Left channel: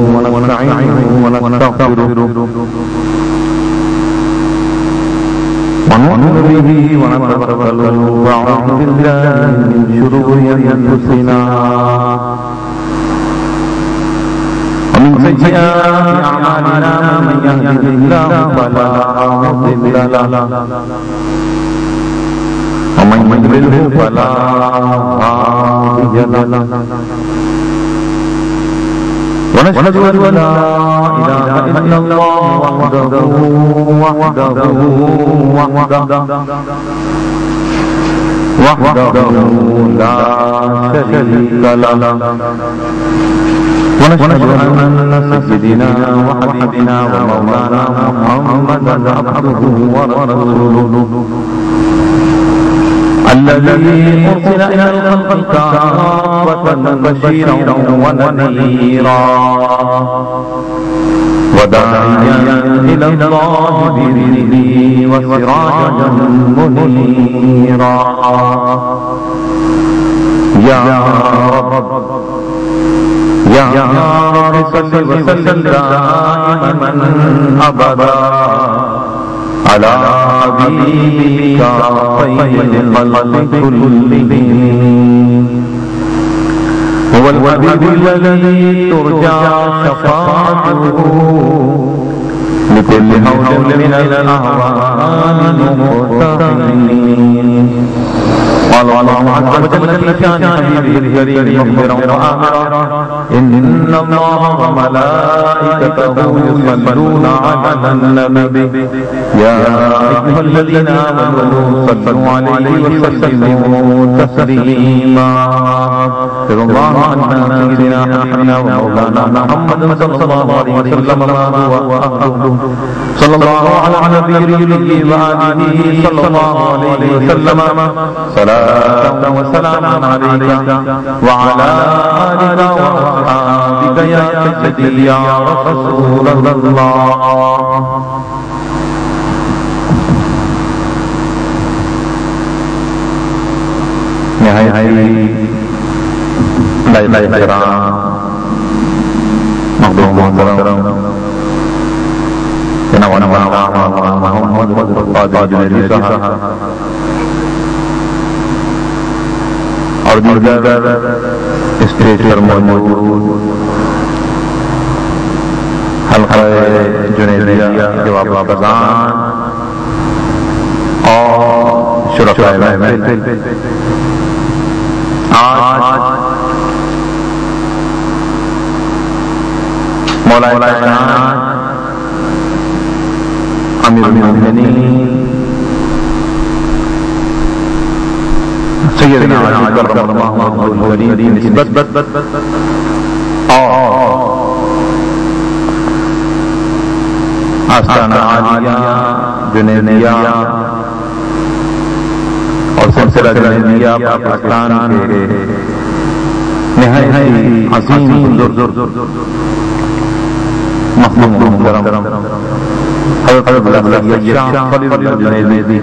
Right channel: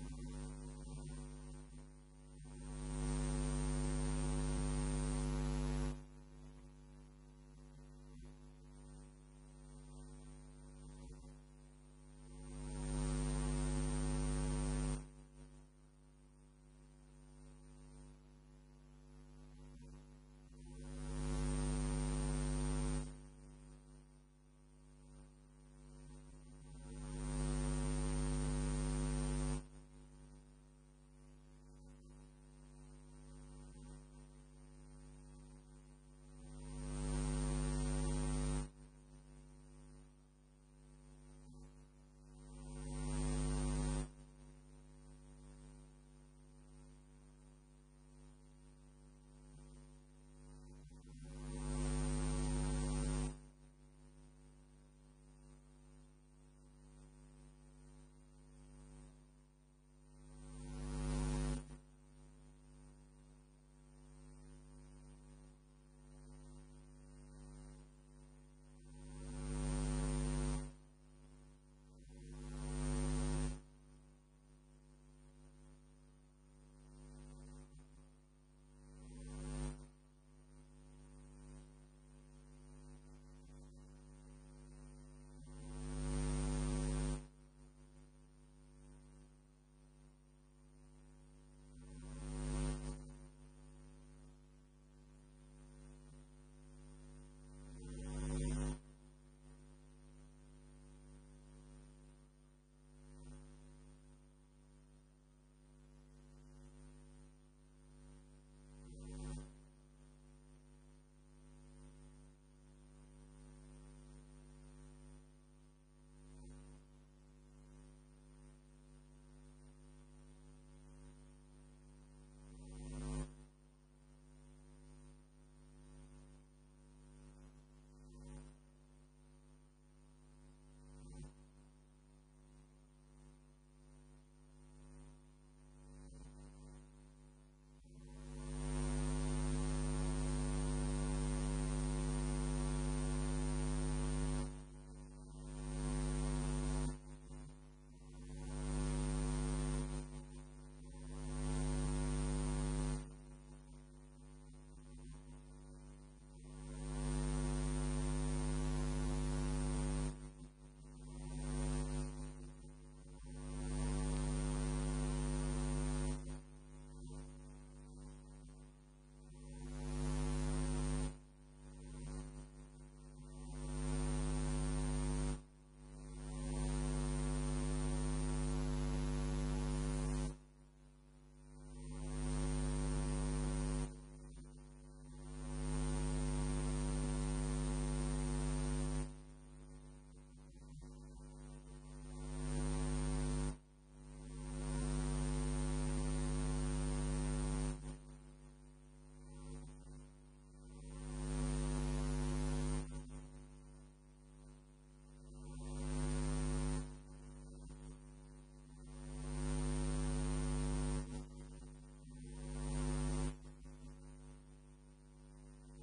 ونستعينه ونستغفره ونؤمن به ونتوكل ونعوذ بالله من شرور أنفسنا ومن سيئات أعمالنا من يهده الله فلا مضل له ومن يضلل فلا هادي له ونشهد أن لا إله إلا الله وحده لا شريك له ونشهد أن سيدنا وحبيبنا ومولانا محمدا عبده ورسوله الذي أرسل إلى الخلق كافة بشيرا ونذيرا وداعيا إلى الله بإذنه وسراجا منيرا يا رب صل وسلم دائما أبدا على حبيبك خير الخلق كلهم هو الحبيب الذي ترجى شفاعته لكل هول من الأهوال مقتحمين قال الله عز وجل في شان حبيبه الكريم مخبرا وآمرا إن الله وملائكته يصلون على النبي يا أيها الذين آمنوا صلوا عليه وسلموا تسليما رضي الله عن سيدنا نبينا ومولانا محمد صلى الله عليه وسلم وأهله صلى الله على نبيه وآله صلى الله عليه وسلم صلاة وسلام عليك وعلى آلك وأصحابك يا سيدي يا رسول الله نهاية لا احترام مقدوم محترم ونعوذ محمد القادر جنری صاحب اور دیگر اسٹیج پر موجود حلقہ جنیدیہ کے واپسان اور شرکائے محفل آج مولا کائنات امیر المومنین سیدنا علی کرم اللہ وجہہ کی نسبت اور آستانہ عالیہ جنیدیہ اور سلسلہ جنیدیہ پاکستان کے نہایت عظیم مخدوم محترم حضرت اللہ شاہ خلیل الجنیدی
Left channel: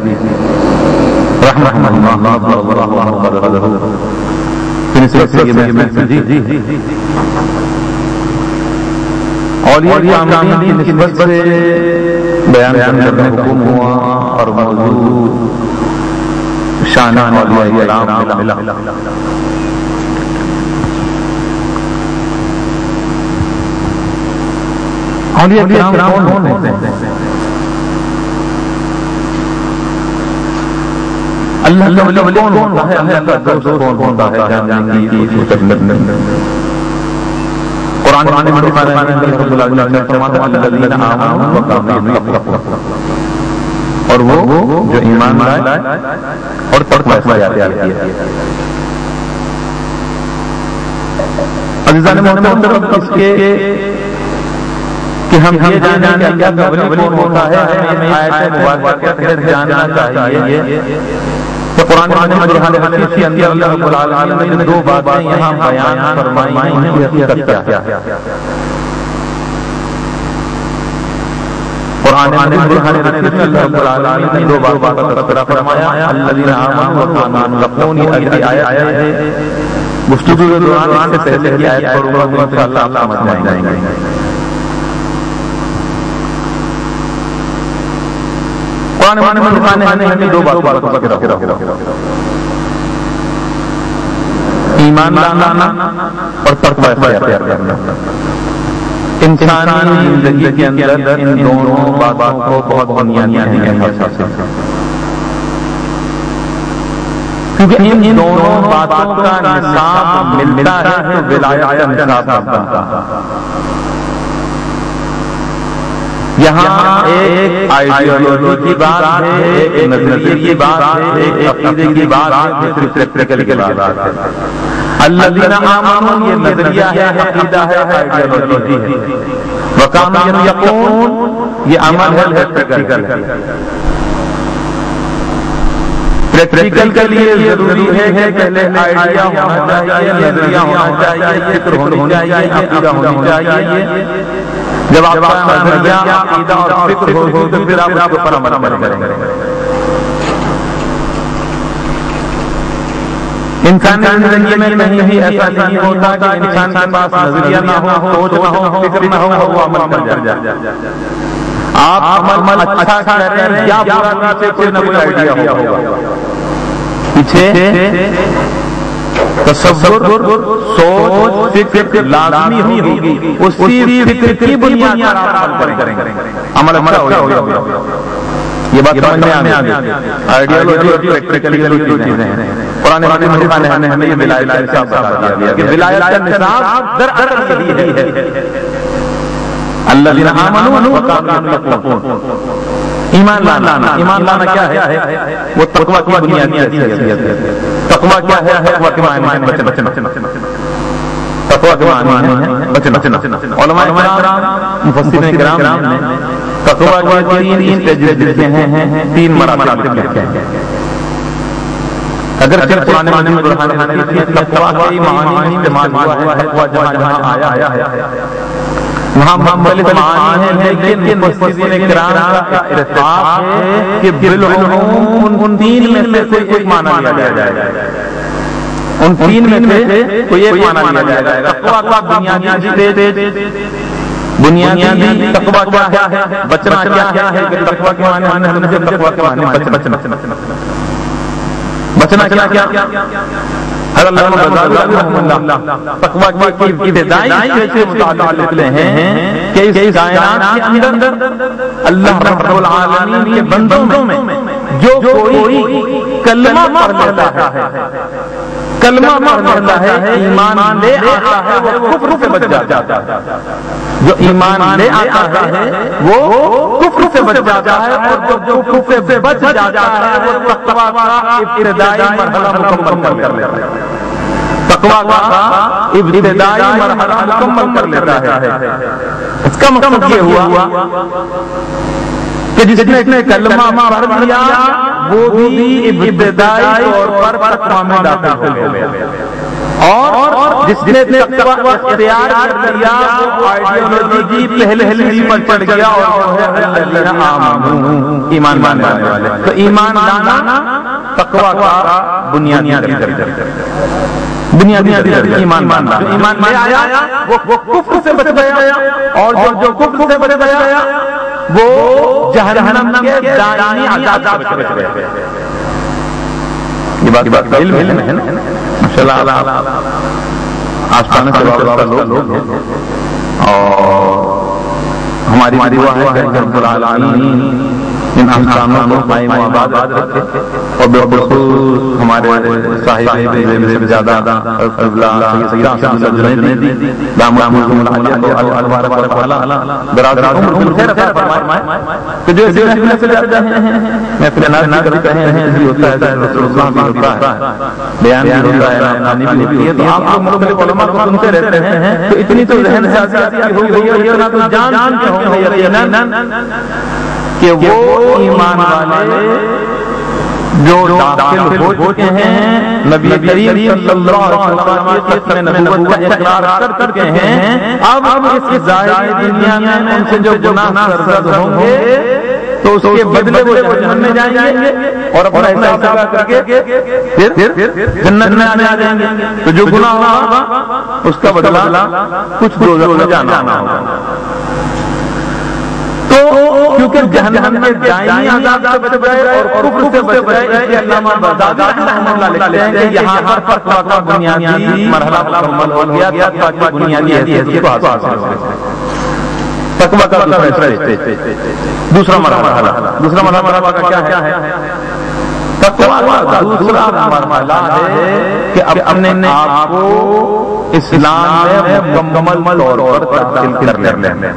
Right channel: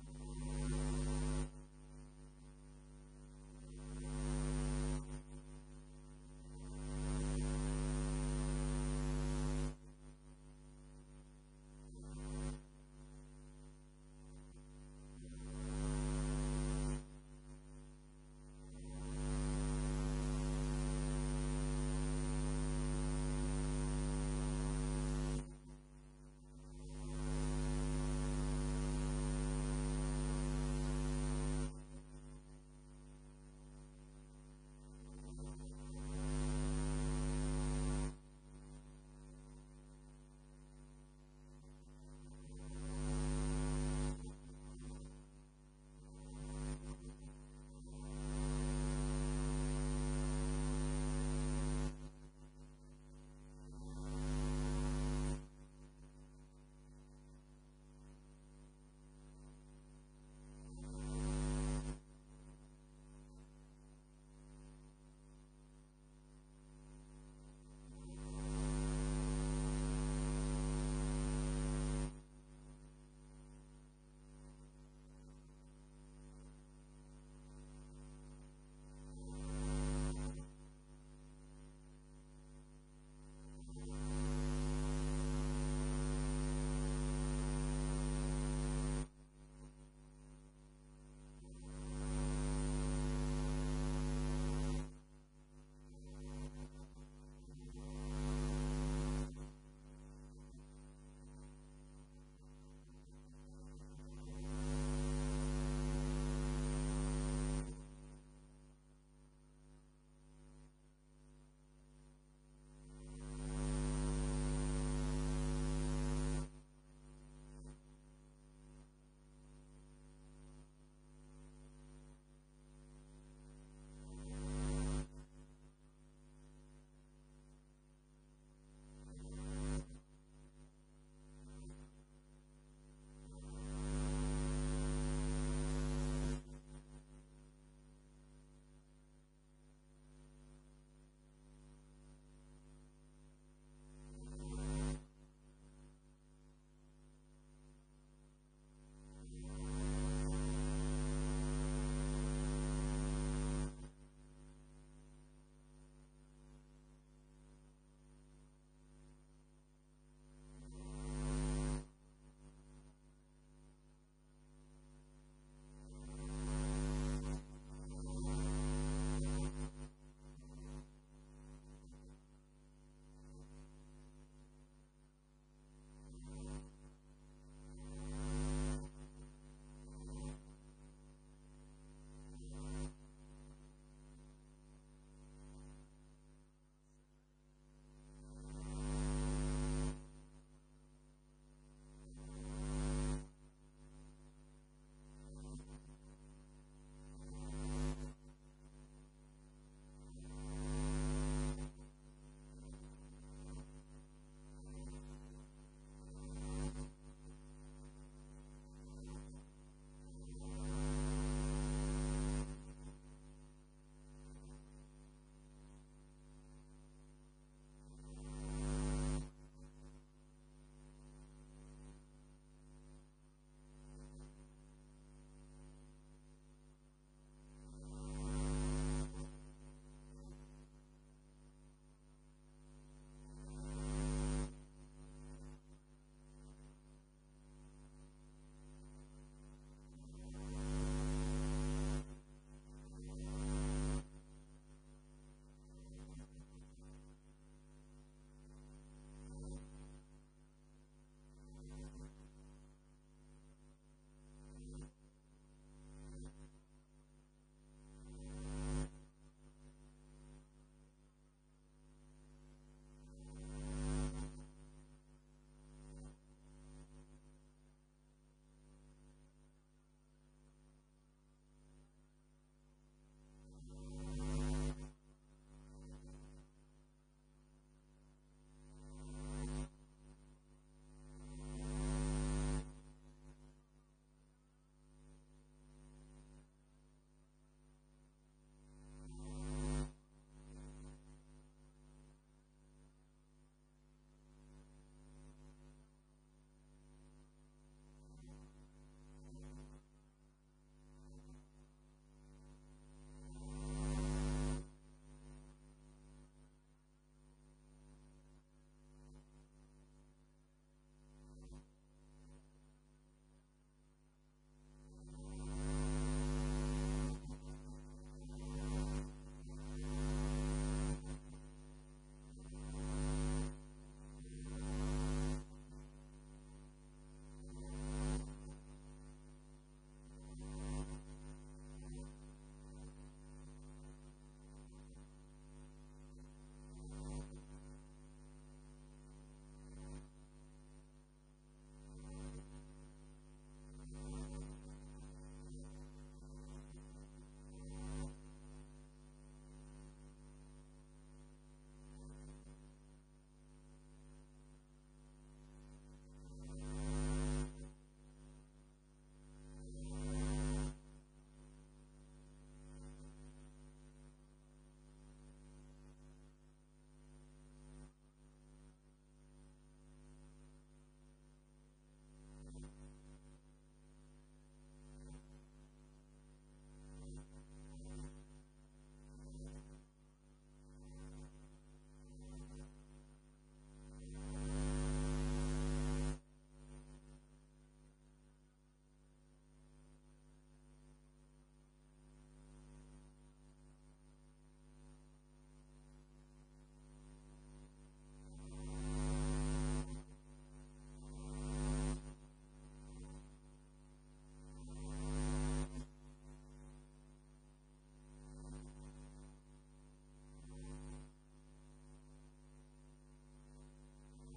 رحمہ اللہ وبرکاتہ کی نسبت سے یہ محفل اولیاء کرام کی نسبت سے بیان کرنے کا حکم ہوا اور موضوع شان اولیاء کرام ملا اولیاء کرام کون ہوتے ہیں؟ اللہ کا ولی کون ہوتا ہے؟ اللہ کا دوست کون ہوتا ہے؟ جاننے کی قرآن مجید میں رب العالمین فرماتا ہے الذین آمنوا وکانوا یتقون اور وہ جو ایمان لائے اور تقوی اختیار کیا. عزیزان محترم اس کے کہ ہم یہ جانیں کہ اللہ کا ولی کون ہوتا ہے ہمیں آیت مبارکہ کے تحت جاننا چاہیے کہ قرآن مجید حدیث کے اندر اللہ رب العالمین نے دو باتیں یہاں بیان فرمائی ہیں ان کی حقیقت کیا ہے. قرآن مجید حدیث میں اللہ رب العالمین نے دو باتوں کا تذکرہ فرمایا الذین آمنوا وکانوا یتقون. یہ اگلی آیت ہے گفتگو کے دوران اس سے پہلے کی آیت پڑھوں گا تو انشاءاللہ آپ سمجھ جائیں گے. قرآن میں ہمیں دو باتوں کا ذکر ہو، ایمان لانا اور تقوی اختیار کرنا. انسانی زندگی کے اندر ان دونوں باتوں کو بہت بنیادی اہمیت حاصل ہے، کیونکہ ان دونوں باتوں کا نصاب ملتا ہے تو ولایت کا نصاب ملتا ہے. یہاں ایک آئیڈیالوجی کی بات ہے، ایک نظریے کی بات ہے، ایک عقیدے کی بات ہے، صرف پریکٹیکل کی بات ہے. الذین آمنوا یہ نظریہ ہے، عقیدہ ہے، آئیڈیالوجی ہے. وکانوا یتقون یہ عمل ہے، پریکٹیکل ہے. پریکٹیکل کے لیے ضروری ہے کہ پہلے آئیڈیا ہونا چاہیے، نظریہ ہونا چاہیے، فکر ہونی چاہیے، عقیدہ ہونی چاہیے. جب آپ کا نظریہ، عقیدہ اور فکر ہو تو پھر آپ اس پر عمل کریں گے. انسانی زندگی میں نہیں ہی ایسا نہیں ہوتا کہ انسان کے پاس نظریہ نہ ہو، سوچ نہ ہو، فکر نہ ہو، وہ عمل کر جائے. آپ عمل اچھا کریں یا برا سے کوئی نہ کوئی آئیڈیا ہوگا پیچھے. تصور، سوچ، فکر لازمی ہوگی. اسی فکر کی بنیاد پر آپ عمل کریں گے، عمل اچھا ہوگا. یہ بات سمجھ میں آ گئی. آئیڈیالوجی اور پریکٹیکل دو چیزیں ہیں. قرآن نے ہمیں یہ ولایت کا نصاب بتا دیا کہ ولایت کا نصاب دراصل یہی ہے الذین آمنوا وکانوا یتقون. ایمان لانا. ایمان لانا کیا ہے؟ وہ تقوی کی بنیادی حیثیت ہے. تقوی کیا ہے؟ تقوی کے معنی ہے بچنا. تقوی کے معنی ہے بچنا. علماء کرام، مفسرین کرام نے تقوی کے تین اسٹیجز لکھے ہیں، تین مراتب لکھے ہیں. اگر صرف قرآن میں تقوی کے معنی استعمال ہوا ہے، وہ جہاں جہاں آیا ہے وہاں مختلف معنی ہیں، لیکن مفسرین کرام کا اتفاق ہے کہ بالعموم ان تین میں سے کوئی ایک معنی لیا جائے گا. ان تین میں سے کوئی ایک معنی لیا جائے گا. تقوی کا بنیادی تقوی کیا ہے؟ بچنا کیا ہے؟ تقوی کے معنی ہم نے تقوی کے معنی بچنا کیا؟ تقوی کی ابتدائی سے متعلق ہیں کہ اس کائنات کے اندر اللہ رب العالمین کے بندوں میں جو کوئی کلمہ پڑھ لیتا ہے، ایمان لے آتا ہے، وہ کفر سے بچ جاتا ہے. جو ایمان لے آتا ہے وہ کفر سے بچ جاتا ہے، اور جو کفر سے بچ جاتا ہے وہ تقوی کا ابتدائی مرحلہ مکمل کر لیتا ہے. تقوی کا ابتدائی مرحلہ مکمل کر لیتا ہے. اس کا مطلب یہ ہوا کہ جس نے کلمہ پڑھ لیا وہ بھی ابتدائی طور پر تقوی میں داخل ہو گیا. اور جس نے تقوی اختیار کر لیا وہ آئیڈیالوجی پہلے ہی پر چڑھ گیا، اور وہ ہے الذین آمنوا، ایمان لانے والے. تو ایمان لانا تقوی کا بنیادی ایمان لانا. جو ایمان لے آیا وہ کفر سے بچ گیا، اور جو کفر سے بچ گیا وہ جہنم کے دائمی عذاب سے بچ گیا. یہ بات علم ہے نا ماشاءاللہ. آسمان سے وابستہ لوگ ہیں اور ہماری دعا ہے کہ رب العالمین ان احکاموں کو قائم و آباد رکھے، اور بالخصوص ہمارے صاحب سے زیادہ دامت العالیہ کو اللہ تبارک و تعالی دراز عمر خیر عطا فرمائے. تو جو اس محفل سے جاتے ہیں، محفل ناز کرتے ہیں، یہ ہوتا ہے رسول اللہ بھی ہوتا ہے، بیان بھی ہوتا ہے، نانی بھی ہوتی ہے. تو آپ لوگ مختلف علماء کو سنتے رہتے ہیں، تو اتنی تو ذہن سازی ہو گئی ہے، اتنا تو جان کے ہوں گے یقیناً کہ وہ ایمان والے جو داخل ہو چکے ہیں، نبی کریم صلی اللہ علیہ وسلم کی ختم نبوت کا اقرار کر چکے ہیں، اب اس ظاہری دنیا میں ان سے جو گناہ سرزد ہوں گے تو اس کے بدلے وہ جہنم میں جائیں گے اور اپنا حساب لگا کر کے پھر جنت میں آ جائیں گے. تو جو گناہ ہوگا اس کا بدلہ کچھ دوزخ میں جانا ہوگا. تو کیونکہ جہنم میں دائمی عذاب سے بچ گئے اور کفر سے بچ گئے، اس لیے علامہ بغدادی رحمہ اللہ لکھتے ہیں کہ یہاں پر تقویٰ کا بنیادی مرحلہ مکمل ہو گیا، تقویٰ کی بنیادی حیثیت کو حاصل ہو گیا. تقویٰ کا دوسرا مرحلہ کا کیا ہے؟ تقویٰ کا دوسرا مرحلہ ہے کہ اپنے آپ کو اسلام میں مکمل طور پر داخل کر لینا.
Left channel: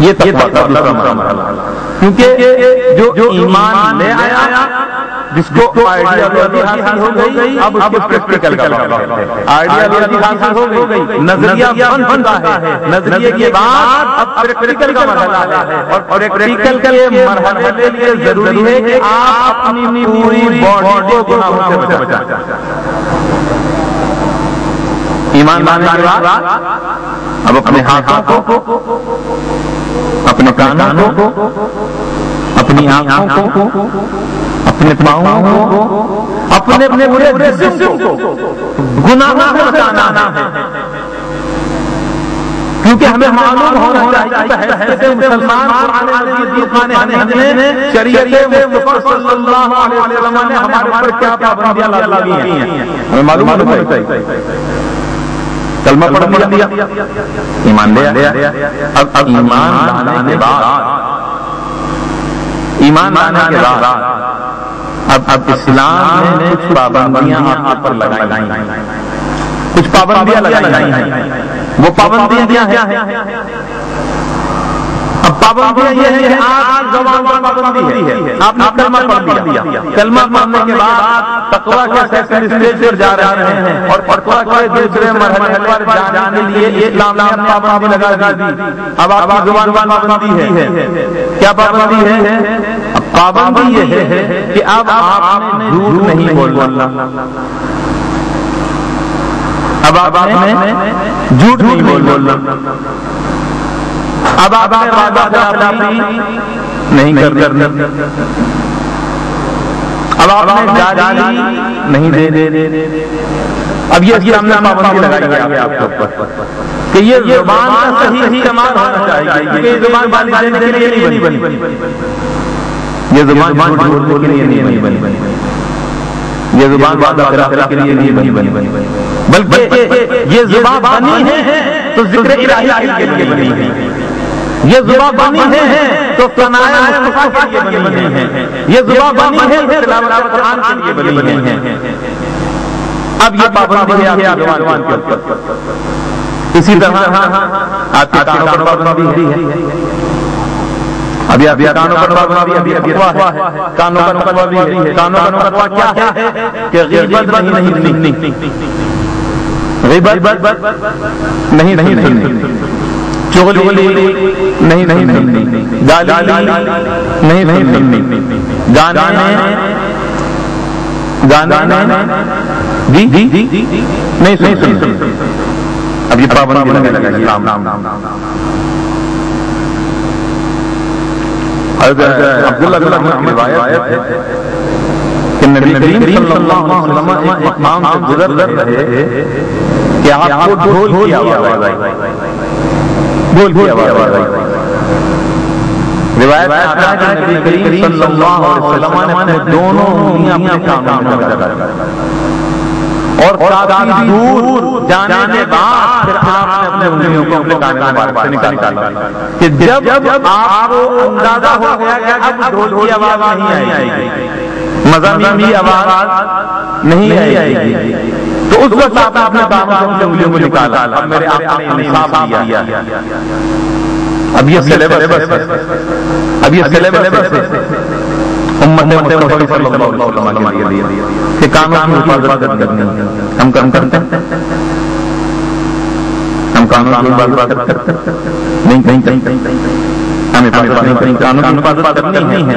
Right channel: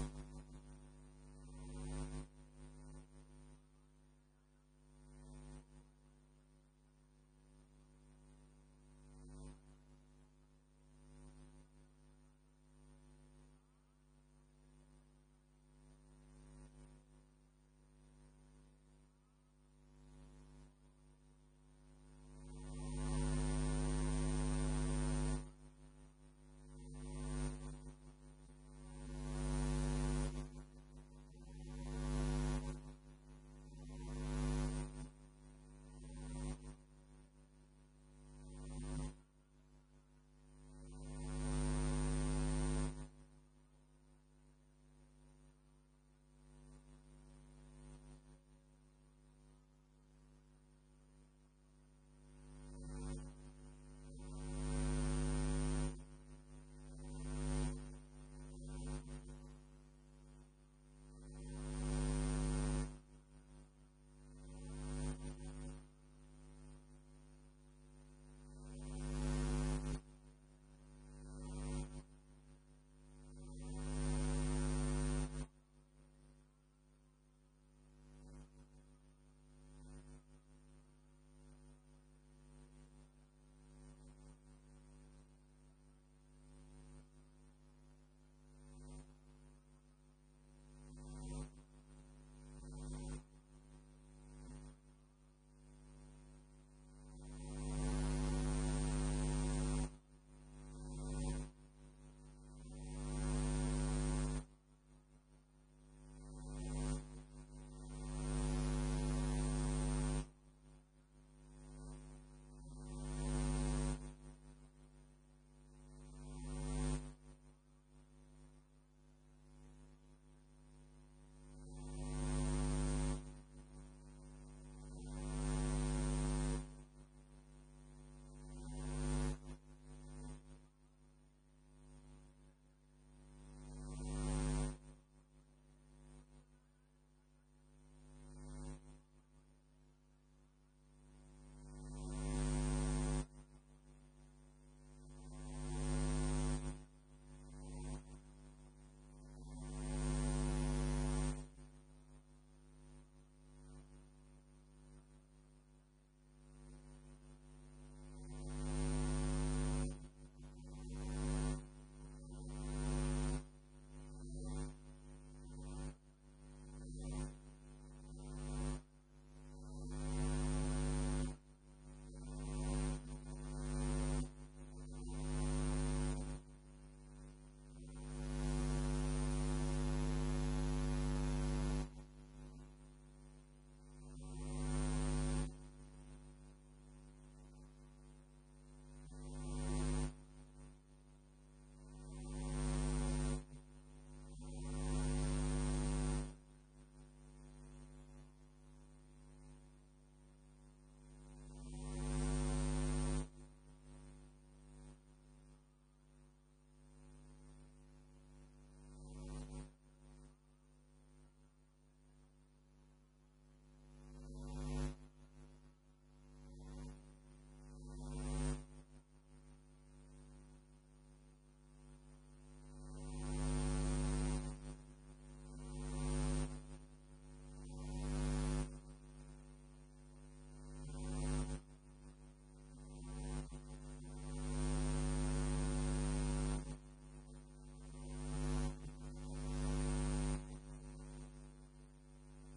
یہ تقویٰ کا دوسرا مرحلہ، کیونکہ جو ایمان لے آیا، جس کو آئیڈیالوجی حاصل ہو گئی، اب اس کے پریکٹیکل کا وقت ہے. آئیڈیالوجی حاصل ہو گئی، نظریہ بن چکا ہے، نظریے کے بعد اب پریکٹیکل کا مرحلہ ہے. اور پریکٹیکل کے مرحلے کے لیے ضروری ہے کہ آپ اپنی پوری باڈی کو گناہوں سے بچائیں. ایمان لانے کے بعد اب اپنے ہاتھوں کو، اپنے کانوں کو، اپنی آنکھوں کو، اپنے پاؤں کو، اپنے پورے جسم کو گناہوں سے بچانا ہے. کیونکہ ہمیں معلوم ہونا چاہیے حیثیت مسلمان ہمیں شریعت مصطفیٰ صلی اللہ علیہ وسلم نے ہمارے پر کیا پابندیاں لگائی ہیں، ہمیں معلوم ہونا چاہیے. کلمہ پڑھ دیا، ایمان لے آیا. اب ایمان لانے کے بعد اب اسلام نے کچھ پابندیاں آپ پر لگائی ہیں، کچھ پابندیاں لگائی ہیں. وہ پابندیاں کیا ہیں؟ اب پابندیاں یہ ہے کہ آپ زبان پر پابندی ہے. آپ نے کلمہ پڑھ دیا، کلمہ پڑھنے کے بعد تقویٰ کے سیکنڈ اسٹیج پر جا رہے ہیں اور تقویٰ کے دوسرے مرحلے پر جانے کے لیے اسلام نے پابندی لگا دی. اب آپ کی زبان پر پابندی ہے. کیا پابندی ہے؟ پابندی یہ ہے کہ اب آپ نے جھوٹ نہیں بولنا. اب آپ نے جھوٹ نہیں بولنا. اب آپ نے وعدہ خلافی نہیں کرنی. اب آپ نے گالی نہیں دے. اب یہ اسلام نے پابندی لگائی ہے آپ کے اوپر کہ یہ زبان کا صحیح استعمال ہونا چاہیے. یہ زبان گالی دینے کے لیے نہیں بنی، یہ زبان جھوٹ بولنے کے لیے نہیں بنی، یہ زبان وعدہ خلافی کے لیے نہیں بنی، بلکہ یہ زبان بنی ہے تو ذکر الہی کے لیے بنی ہے. یہ زبان بنی ہے تو ثناء مصطفیٰ کے لیے بنی ہے. یہ زبان بنی ہے تو تلاوت قرآن کے لیے بنی ہے. اب یہ پابندی ہے آپ کی زبان کے اوپر. اسی طرح آپ کے کانوں پر پابندی ہے. ابھی کانوں پر پابندی ہے. کانوں کا تقویٰ بھی ہے. کانوں کا تقویٰ کیا ہے کہ غیبت نہیں سننی، غیبت نہیں سننی، چغلی نہیں سننی، گالی نہیں سننی، گانے نہیں سننی. اب یہ پابندی لگائی. عبداللہ بن عمر کی روایت ہے کہ نبی کریم صلی اللہ علیہ وسلم ایک مقام سے گزر رہے کہ آپ کو ڈھول کی آواز آئی. روایت میں آتا ہے کہ نبی کریم صلی اللہ علیہ وسلم نے اپنے دونوں انگلیاں اپنے کانوں میں لگائی اور کافی دور جانے کے بعد پھر آپ نے اپنے انگلیوں کو اپنے کانوں مبارک سے نکالا کہ جب آپ کو اندازہ ہو گیا کہ اب ڈھول کی آواز نہیں آئے گی، مزامین کی آواز نہیں آئے گی، تو اس وقت آپ نے اپنے کانوں سے انگلیوں کو نکالا. اب میرے آپ نے انصاف دیا. اب یہ سلیبس ہے امت مصطفیٰ صلی اللہ علیہ وسلم کے لیے کہ کانوں کی حفاظت کرنی ہے. ہم کرتے ہیں، ہم کانوں کی حفاظت کرتے نہیں، ہمیں کانوں کی حفاظت کرنی ہے.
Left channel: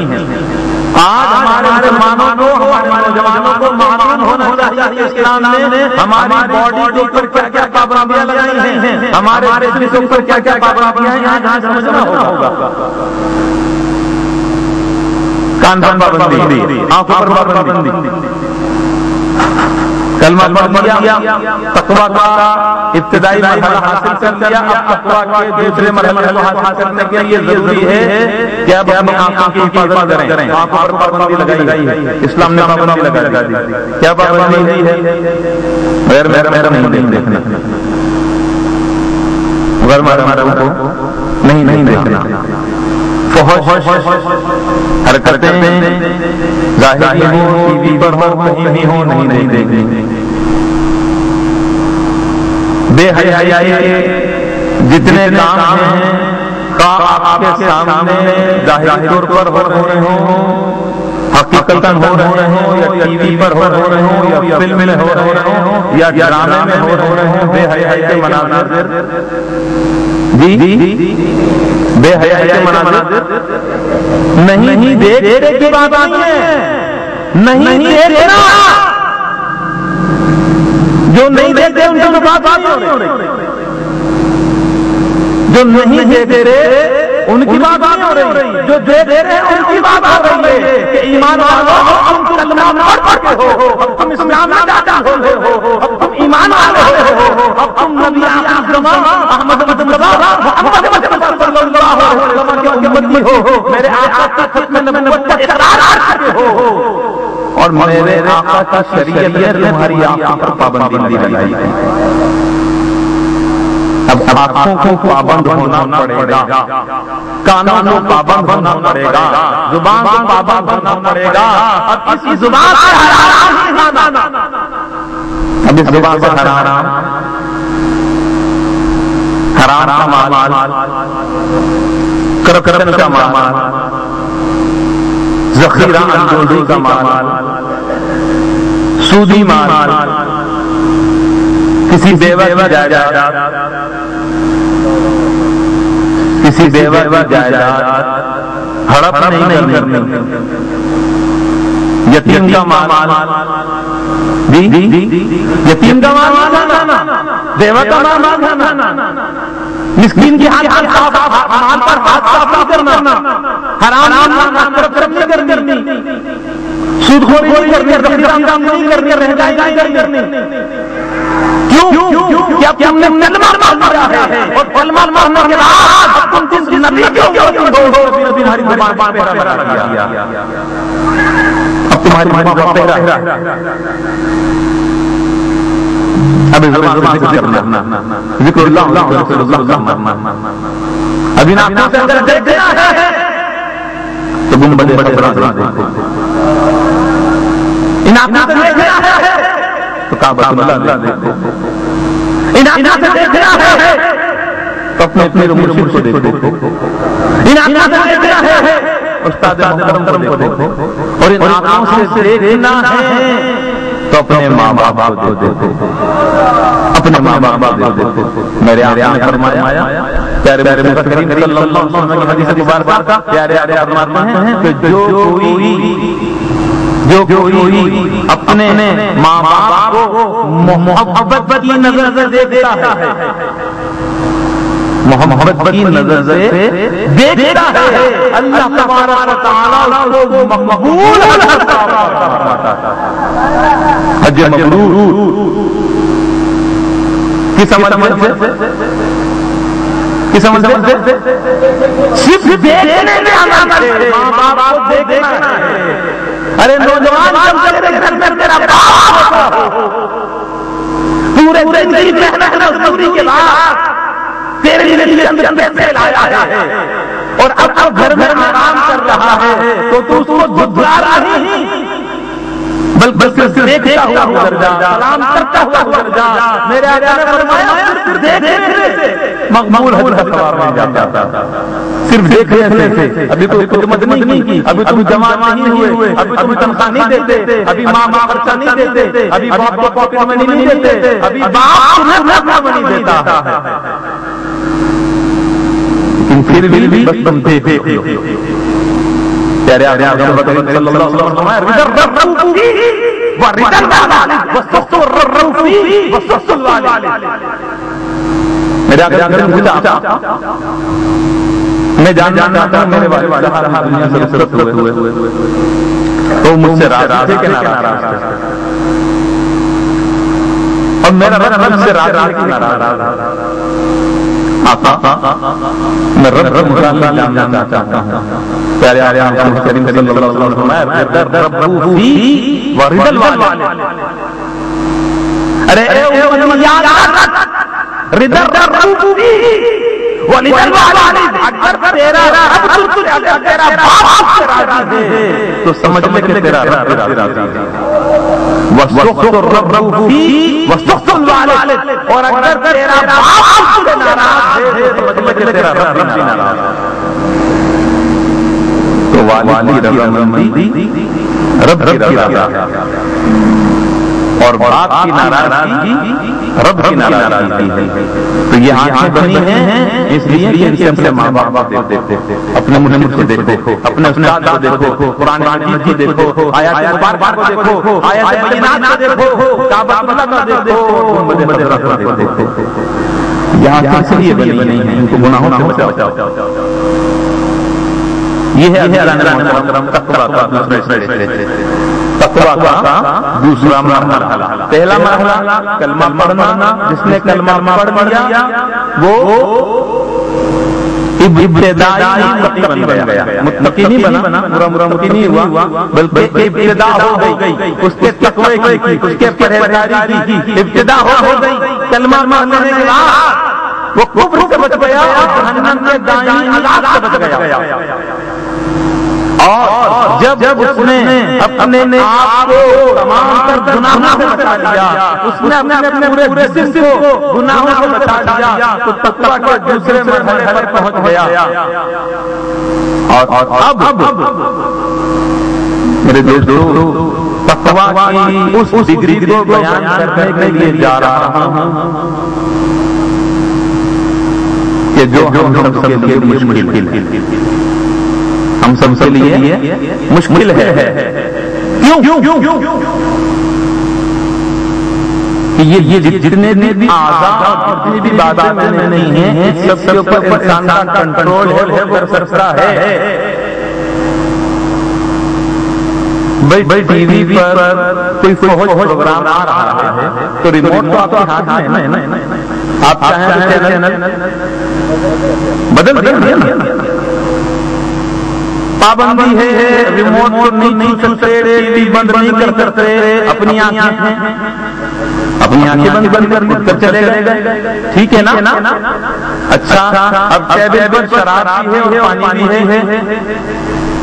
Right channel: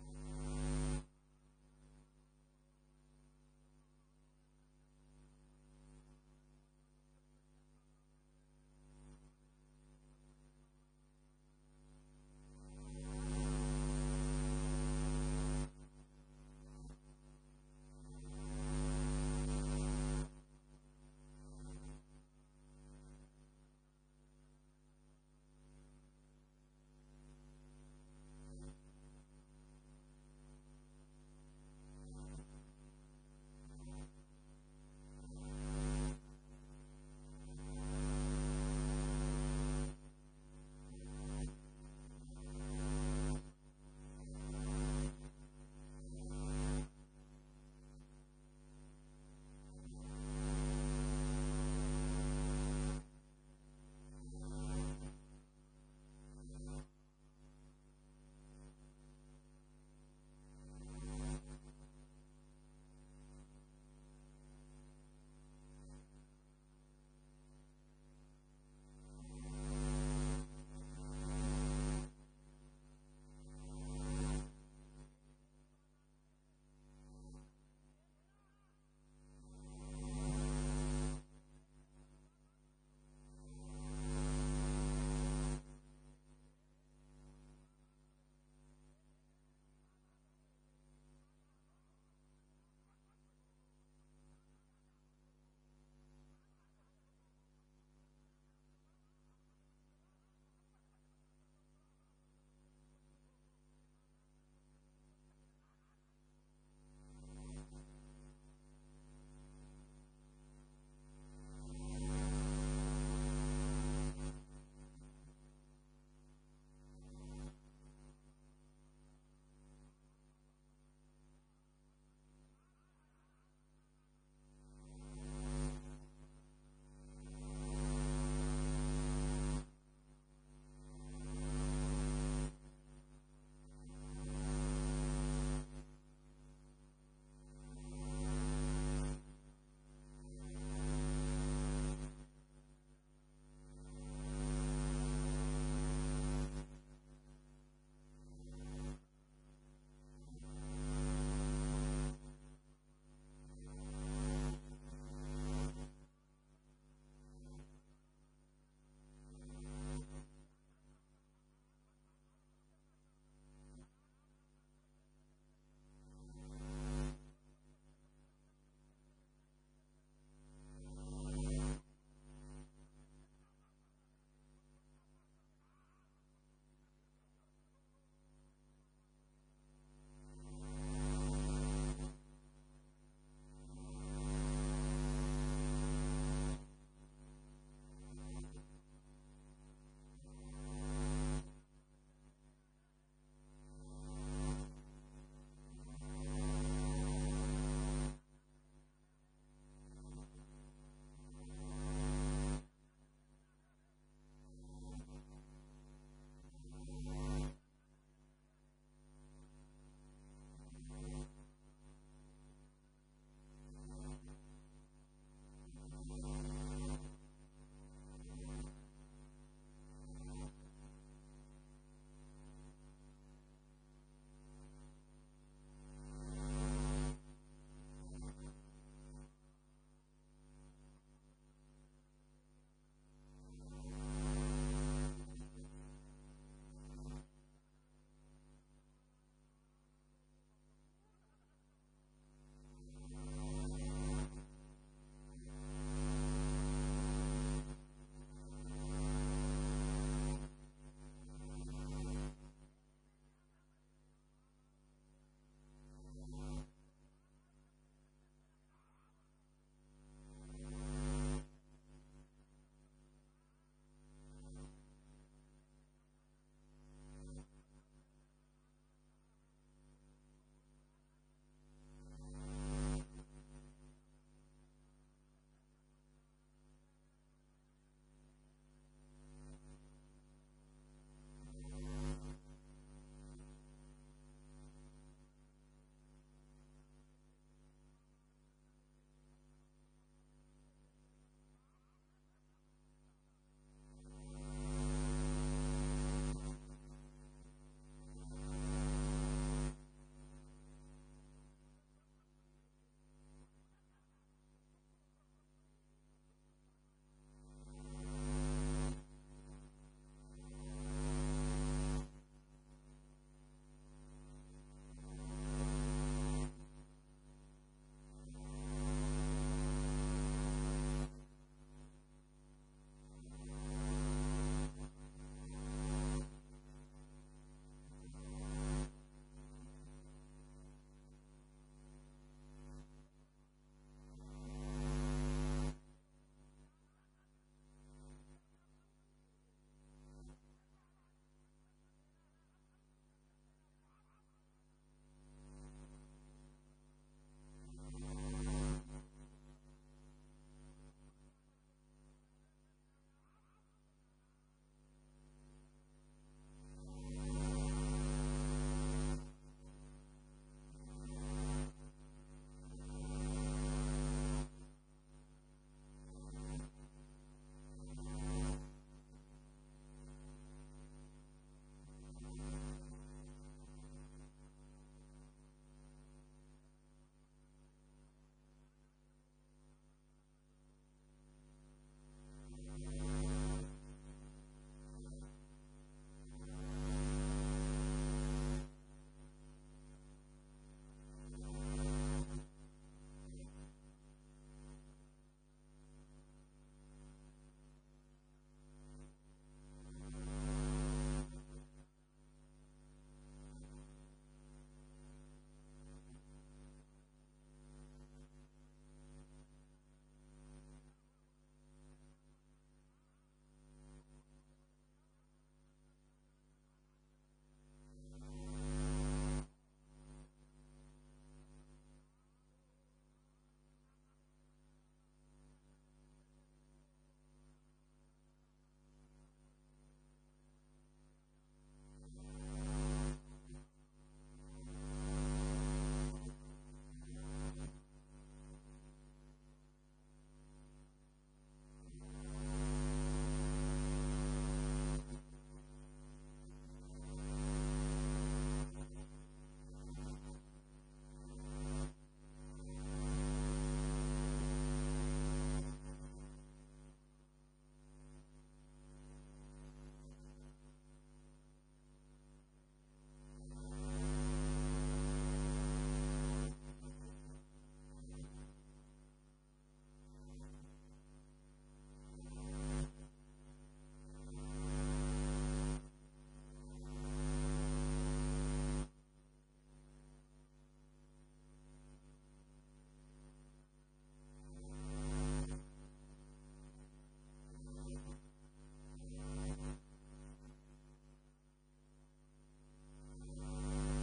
آج ہمارے مسلمانوں کو، ہمارے نوجوانوں کو معلوم ہونا چاہیے اسلام نے ہماری باڈی کے اوپر کیا کیا پابندیاں لگائی ہیں، ہمارے جسم کے اوپر کیا کیا پابندیاں ہیں. آج سمجھنا ہوگا. کان پر پابندی، آنکھوں پر پابندی، کلمہ پڑھ لیا، تقویٰ کا ابتدائی مرحلہ حاصل کر لیا، اب تقویٰ کے دوسرے مرحلے کو حاصل کرنے کے لیے ضروری ہے کہ اب اپنی آنکھوں کی حفاظت کریں، آنکھوں پر پابندی لگائی ہے، اسلام نے پابندی لگا دی، کیا پابندی ہے؟ غیر محرم نہیں دیکھنا، غیر محرم کو نہیں دیکھنا، فحش حرکتیں ظاہری ہوں، ٹی وی پر ہو، کہیں بھی ہو، نہیں دیکھنی، بے حیائی جتنے کام ہیں آپ کے سامنے ظاہری طور پر ہو رہے ہوں، حقیقتاً ہو رہے ہوں، یا ٹی وی پر ہو رہے ہوں، یا فلم میں ہو رہے ہوں، یا ڈرامے میں ہو رہے ہوں، بے حیائی کے مناظر، بے حیائی کے مناظر نہیں دیکھنے کی بات نہیں ہے، نہیں دیکھنا، جو نہیں دیکھتے ان کی بات نہیں ہو رہی، جو نہیں دیکھتے رہے ان کی بات نہیں ہو رہی، جو دیکھ رہے ہیں ان کی بات ہو رہی ہے کہ ایمان والو تم کلمہ پڑھ کے ہو، تم اسلام میں داخل ہو، تم ایمان والے ہو، تم نبی اعظم احمد مصطفیٰ محمد صلی اللہ علیہ وسلم کے امتی ہو، میرے آقا کا ختم نبوت کا اقرار کرتے ہو، اور میرے آقا کی شریعت نے تمہاری آنکھوں پر پابندی لگائی ہے۔ اب آنکھوں کو پابند ہونا پڑے گا، کانوں کو پابند ہونا پڑے گا، زبان کو پابند ہونا پڑے گا، اب اس زبان سے حرام نہیں کھانا، اب اس زبان سے حرام کا مال، کرپشن کا مال، ذخیرہ اندوزی کا مال، سودی مال، کسی بیوہ کی جائیداد، کسی بیوہ کی جائیداد ہڑپ نہیں کرنی، یتیم کا مال، یتیم کا مال کھانا، بیوہ کا مال کھانا، مسکین کی مال پر ہاتھ صاف نہیں کرنا، حرام کرپشن نہیں کرنی، سود خوری نہیں کرنی، ذخیرہ نہیں کرنی، رہنائی نہیں کرنی، کیوں؟ کیا تم نے کلمہ مارا ہے، اور کلمہ مارنے کے بعد تم جس نبی ہو تمہاری زبان پر پہرا کیا، اب تمہاری زبان پر پہرا، اب زبان سے ذکر اللہ رسول اللہ، ابھی نا آپ سے اگر دیکھنا ہے تو گم بڑے دیکھو، ان آپ سے دیکھنا ہے تو کعبۃ اللہ دیکھو، ان آپ سے دیکھنا ہے تو اپنے مرشد کو دیکھو، ان آپ سے دیکھنا ہے استاد محترم کو دیکھو، اور ان آنکھوں سے دیکھنا ہے تو اپنے ماں باپ کو دیکھو، اپنے ماں باپ کو دیکھو۔ میرے آقا نے فرمایا، پیارے نبی کریم صلی اللہ علیہ وسلم کی حدیث مبارکہ، پیارے فرماتے ہیں کہ جو کوئی اپنے ماں باپ کو محبت کی نظر سے دیکھتا ہے، محبت کی نظر سے دیکھتا ہے، اللہ تبارک و تعالیٰ اس کو مقبول کرتا ہے، حج مبرور کس عمل سے؟ صرف دیکھنے میں عمل ہے، ماں باپ کو دیکھنا ہے۔ ارے نوجوان جب تیرے گھر میں تیرا باپ ہوتا ہو، پورے زندگی محنت مزدوری کے بعد تیرے لیے اندر پیسے لایا ہے، اور اب گھر میں آرام کر رہا ہے تو اس کو جھٹلا نہیں، بلکہ دیکھتا ہوا گزر جا، سلام کرتا ہوا گزر جا۔ میرے آقا نے فرمایا صرف دیکھنے سے مقبول حج کا ثواب مل جاتا، صرف دیکھنے سے۔ ابھی تو خدمت نہیں کی، ابھی تم جوان نہیں ہوئے، ابھی تم تنخواہ نہیں دیتے، ابھی ماں باپ خرچہ نہیں دیتے، ابھی باپ کو پاکٹ منی نہیں دیتے، ابھی باپ تمہیں پاکٹ منی دیتا ہے، لیکن پھر بھی بس تم دیکھتے ہو۔ پیارے آقا صلی اللہ علیہ وسلم فرمایا، میرے آقا نے پوچھا میں جاننا چاہتا ہوں میرے والد صاحب دنیا سے رخصت ہوئے تو مجھ سے راضی تھے کہ ناراض تھے؟ اور میرا رب سے راضی کہ ناراض؟ آقا میں رب جاننا چاہتا ہوں. پیارے آقا کریم صلی اللہ علیہ وسلم فرمایا رب فی ورد الوالد. ارے اے یاد رضا رب فی ولد الوالد. اگر تیرا رب تیرا باپ سے راضی ہے تو سمجھ لے کہ تیرا رب راضی ہے. وَسُخْطُ الرَّبُّ فِي وَسُخْطُ الْوَالِدِ. اور اگر تیرا باپ سے ناراض ہے تو مطلب کہ تیرا رب بھی ناراض ہے. تو والد رضامندی رب کی رضا اور باپ کی ناراضگی رب کی ناراضگی ہے. تو یہ آنکھیں بنی ہیں اس لیے کہ ان سے اپنے ماں باپ دیکھو, اپنے مجھ سے دیکھو, اپنے استاد کو دیکھو, قرآن مجید کو دیکھو, آیات مبارکہ کو دیکھو, آیات بینات کو دیکھو, کعبہ اللہ کو دیکھو, گنبد خضرا کو دیکھو. یہ آنکھیں اس لیے بنی ہیں ان کو گناہوں سے بچاؤ. یہ ہے محترم تقویٰ کا تقویٰ کا دوسرا مرحلہ. پہلا مرحلہ کلمہ پڑھنا. جس نے کلمہ پڑھ لیا وہ ابتدائی متقی بن گیا. متقی نہیں بنا, برا متقی نہیں ہوا, بلکہ ابتدا ہو گئی اس کے تقوی کی, اس کے پرہیزگاری کی ابتدا ہو گئی. کلمہ پڑھنے کے بعد وہ کفر سے بچ گیا اور جہنم کے دائیں عذاب سے بچ گیا. اور جب اس نے اپنے آپ کو تمام تر گناہوں سے بچا لیا, اس نے اپنے پورے جسم کو گناہوں سے بچا لیا, تو تقویٰ کے دوسرے مرحلے پر پہنچ گیا. اور اب میرے دوستو تقویٰ کی اس ڈگری کو بیان کرنے کے لیے جا رہا ہوں کہ جو ہم سب کے لیے مشکل ہے, ہم سب کے لیے مشکل ہے. کیوں کہ یہ جتنے بھی اعضاء اور جتنی بھی باتیں میں نے نہیں ہیں سب کے اوپر انسان کا کنٹرول ہے, وہ سرسرا ہے. بھائی ٹی وی پر کوئی فوج پروگرام آ رہا ہے تو ریموٹ تو آپ کے ہاتھ میں ہے نا, آپ چاہیں تو چینل بدل دیں. پابندی ہے, ریموٹ کو نہیں چھو سکتے, ٹی وی بند نہیں کر سکتے, اپنی آنکھیں بند کر چلے گئے. ٹھیک ہے نا؟ اچھا اب ٹیبل پر شراب بھی ہے اور پانی بھی ہے,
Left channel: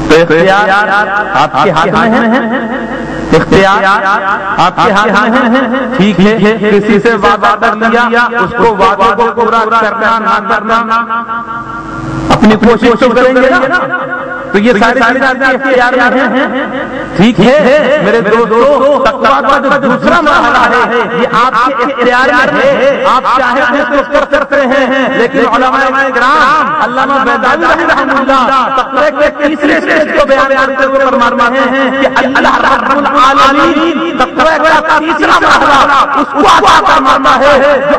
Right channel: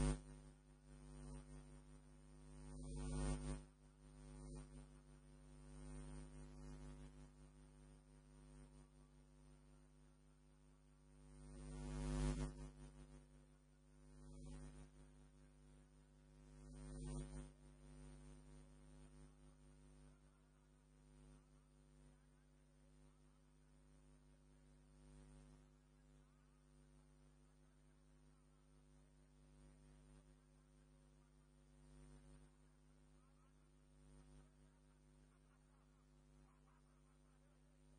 تو اختیار آپ کے ہاتھ میں ہے, اختیار آپ کے ہاتھ میں ہے. ٹھیک ہے, کسی سے وعدہ کر لیا, اس کو وعدے کو پورا کرنا نہ کرنا اپنی کوشش تو کریں گے نا. تو یہ ساری باتیں اختیار میں ہیں. ٹھیک ہے میرے دوستو, تقویٰ کا جو دوسرا مرحلہ ہے یہ آپ کے اختیار میں ہے. آپ چاہیں تو کر سکتے ہیں, لیکن علماء کرام علامہ بیضاوی رحمہ اللہ تقویٰ کے تیسرے اسٹیج کو بیان کرتے ہوئے فرماتے ہیں کہ اللہ رب العالمین تقویٰ کا تیسرا مرحلہ اس کو عطا فرماتا ہے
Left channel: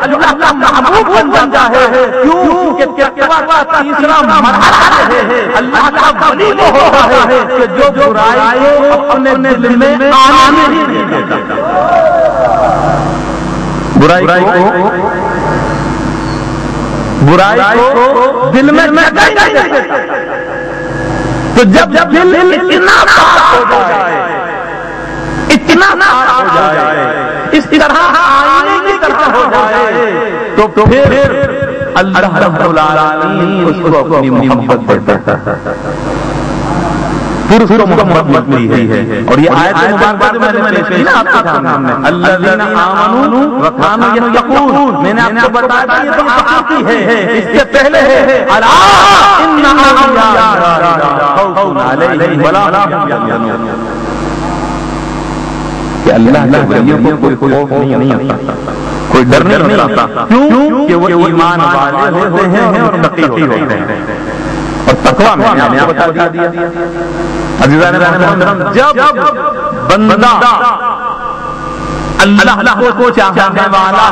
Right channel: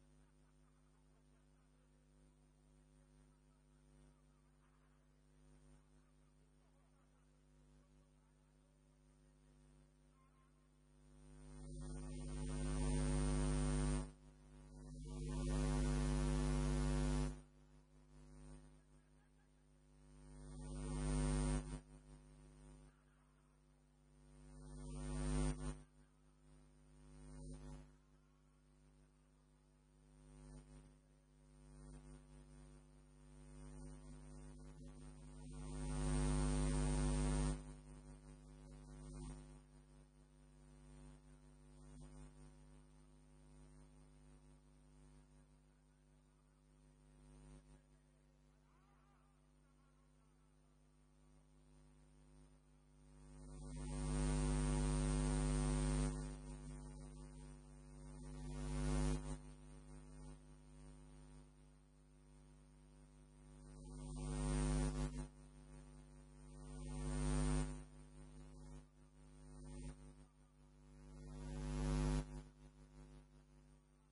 جو اللہ کا محبوب بن جاتا ہے. کیوں کہ تقویٰ کا تیسرا مرحلہ ہے اللہ کا ولی وہ ہوتا ہے کہ جو برائی کو اپنے دل میں آنے نہیں دیتا. برائی کو دل میں جگہ نہیں دیتا. تو جب دل اتنا پاک ہو جائے, اتنا پاک ہو جائے, اس طرح آئینے کی طرح ہو جائے, تو پھر اللہ رب العالمین اس کو اپنی محبت دیتا ہے, پھر اس کو محبت ملتی ہے. اور یہ آیت مبارکہ جو میں نے پیش کی نا آپ کے سامنے, الذین آمنوا وکانوا یتقون, میں نے آپ کو بتایا تھا یہ تو آخر کی ہے, اس سے پہلے ہے الا ان اولیاء اللہ لا خوف علیہم ولا هم یحزنون, کہ اللہ کے ولیوں کو کوئی خوف نہیں ہوتا, کوئی ڈر نہیں ہوتا. کیوں کہ وہ ایمان والے ہوتے ہیں اور متقی ہوتے ہیں. اور تقویٰ میں نے آپ کو بتا دیا. عزیزان محترم, جب بندہ اللہ کو چاہنے والا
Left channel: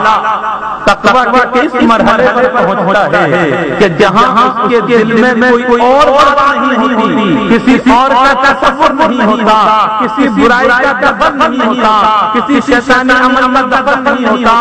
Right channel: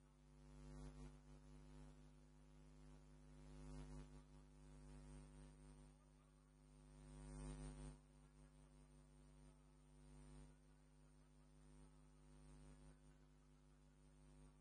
تقویٰ کے اس مرحلے پر پہنچتا ہے کہ جہاں اس کے دل میں کوئی اور بات نہیں ہوتی، کسی اور کا تصور نہیں ہوتا، کسی برائی کا دخل نہیں ہوتا، کسی شیطانی عمل کا دخل نہیں ہوتا،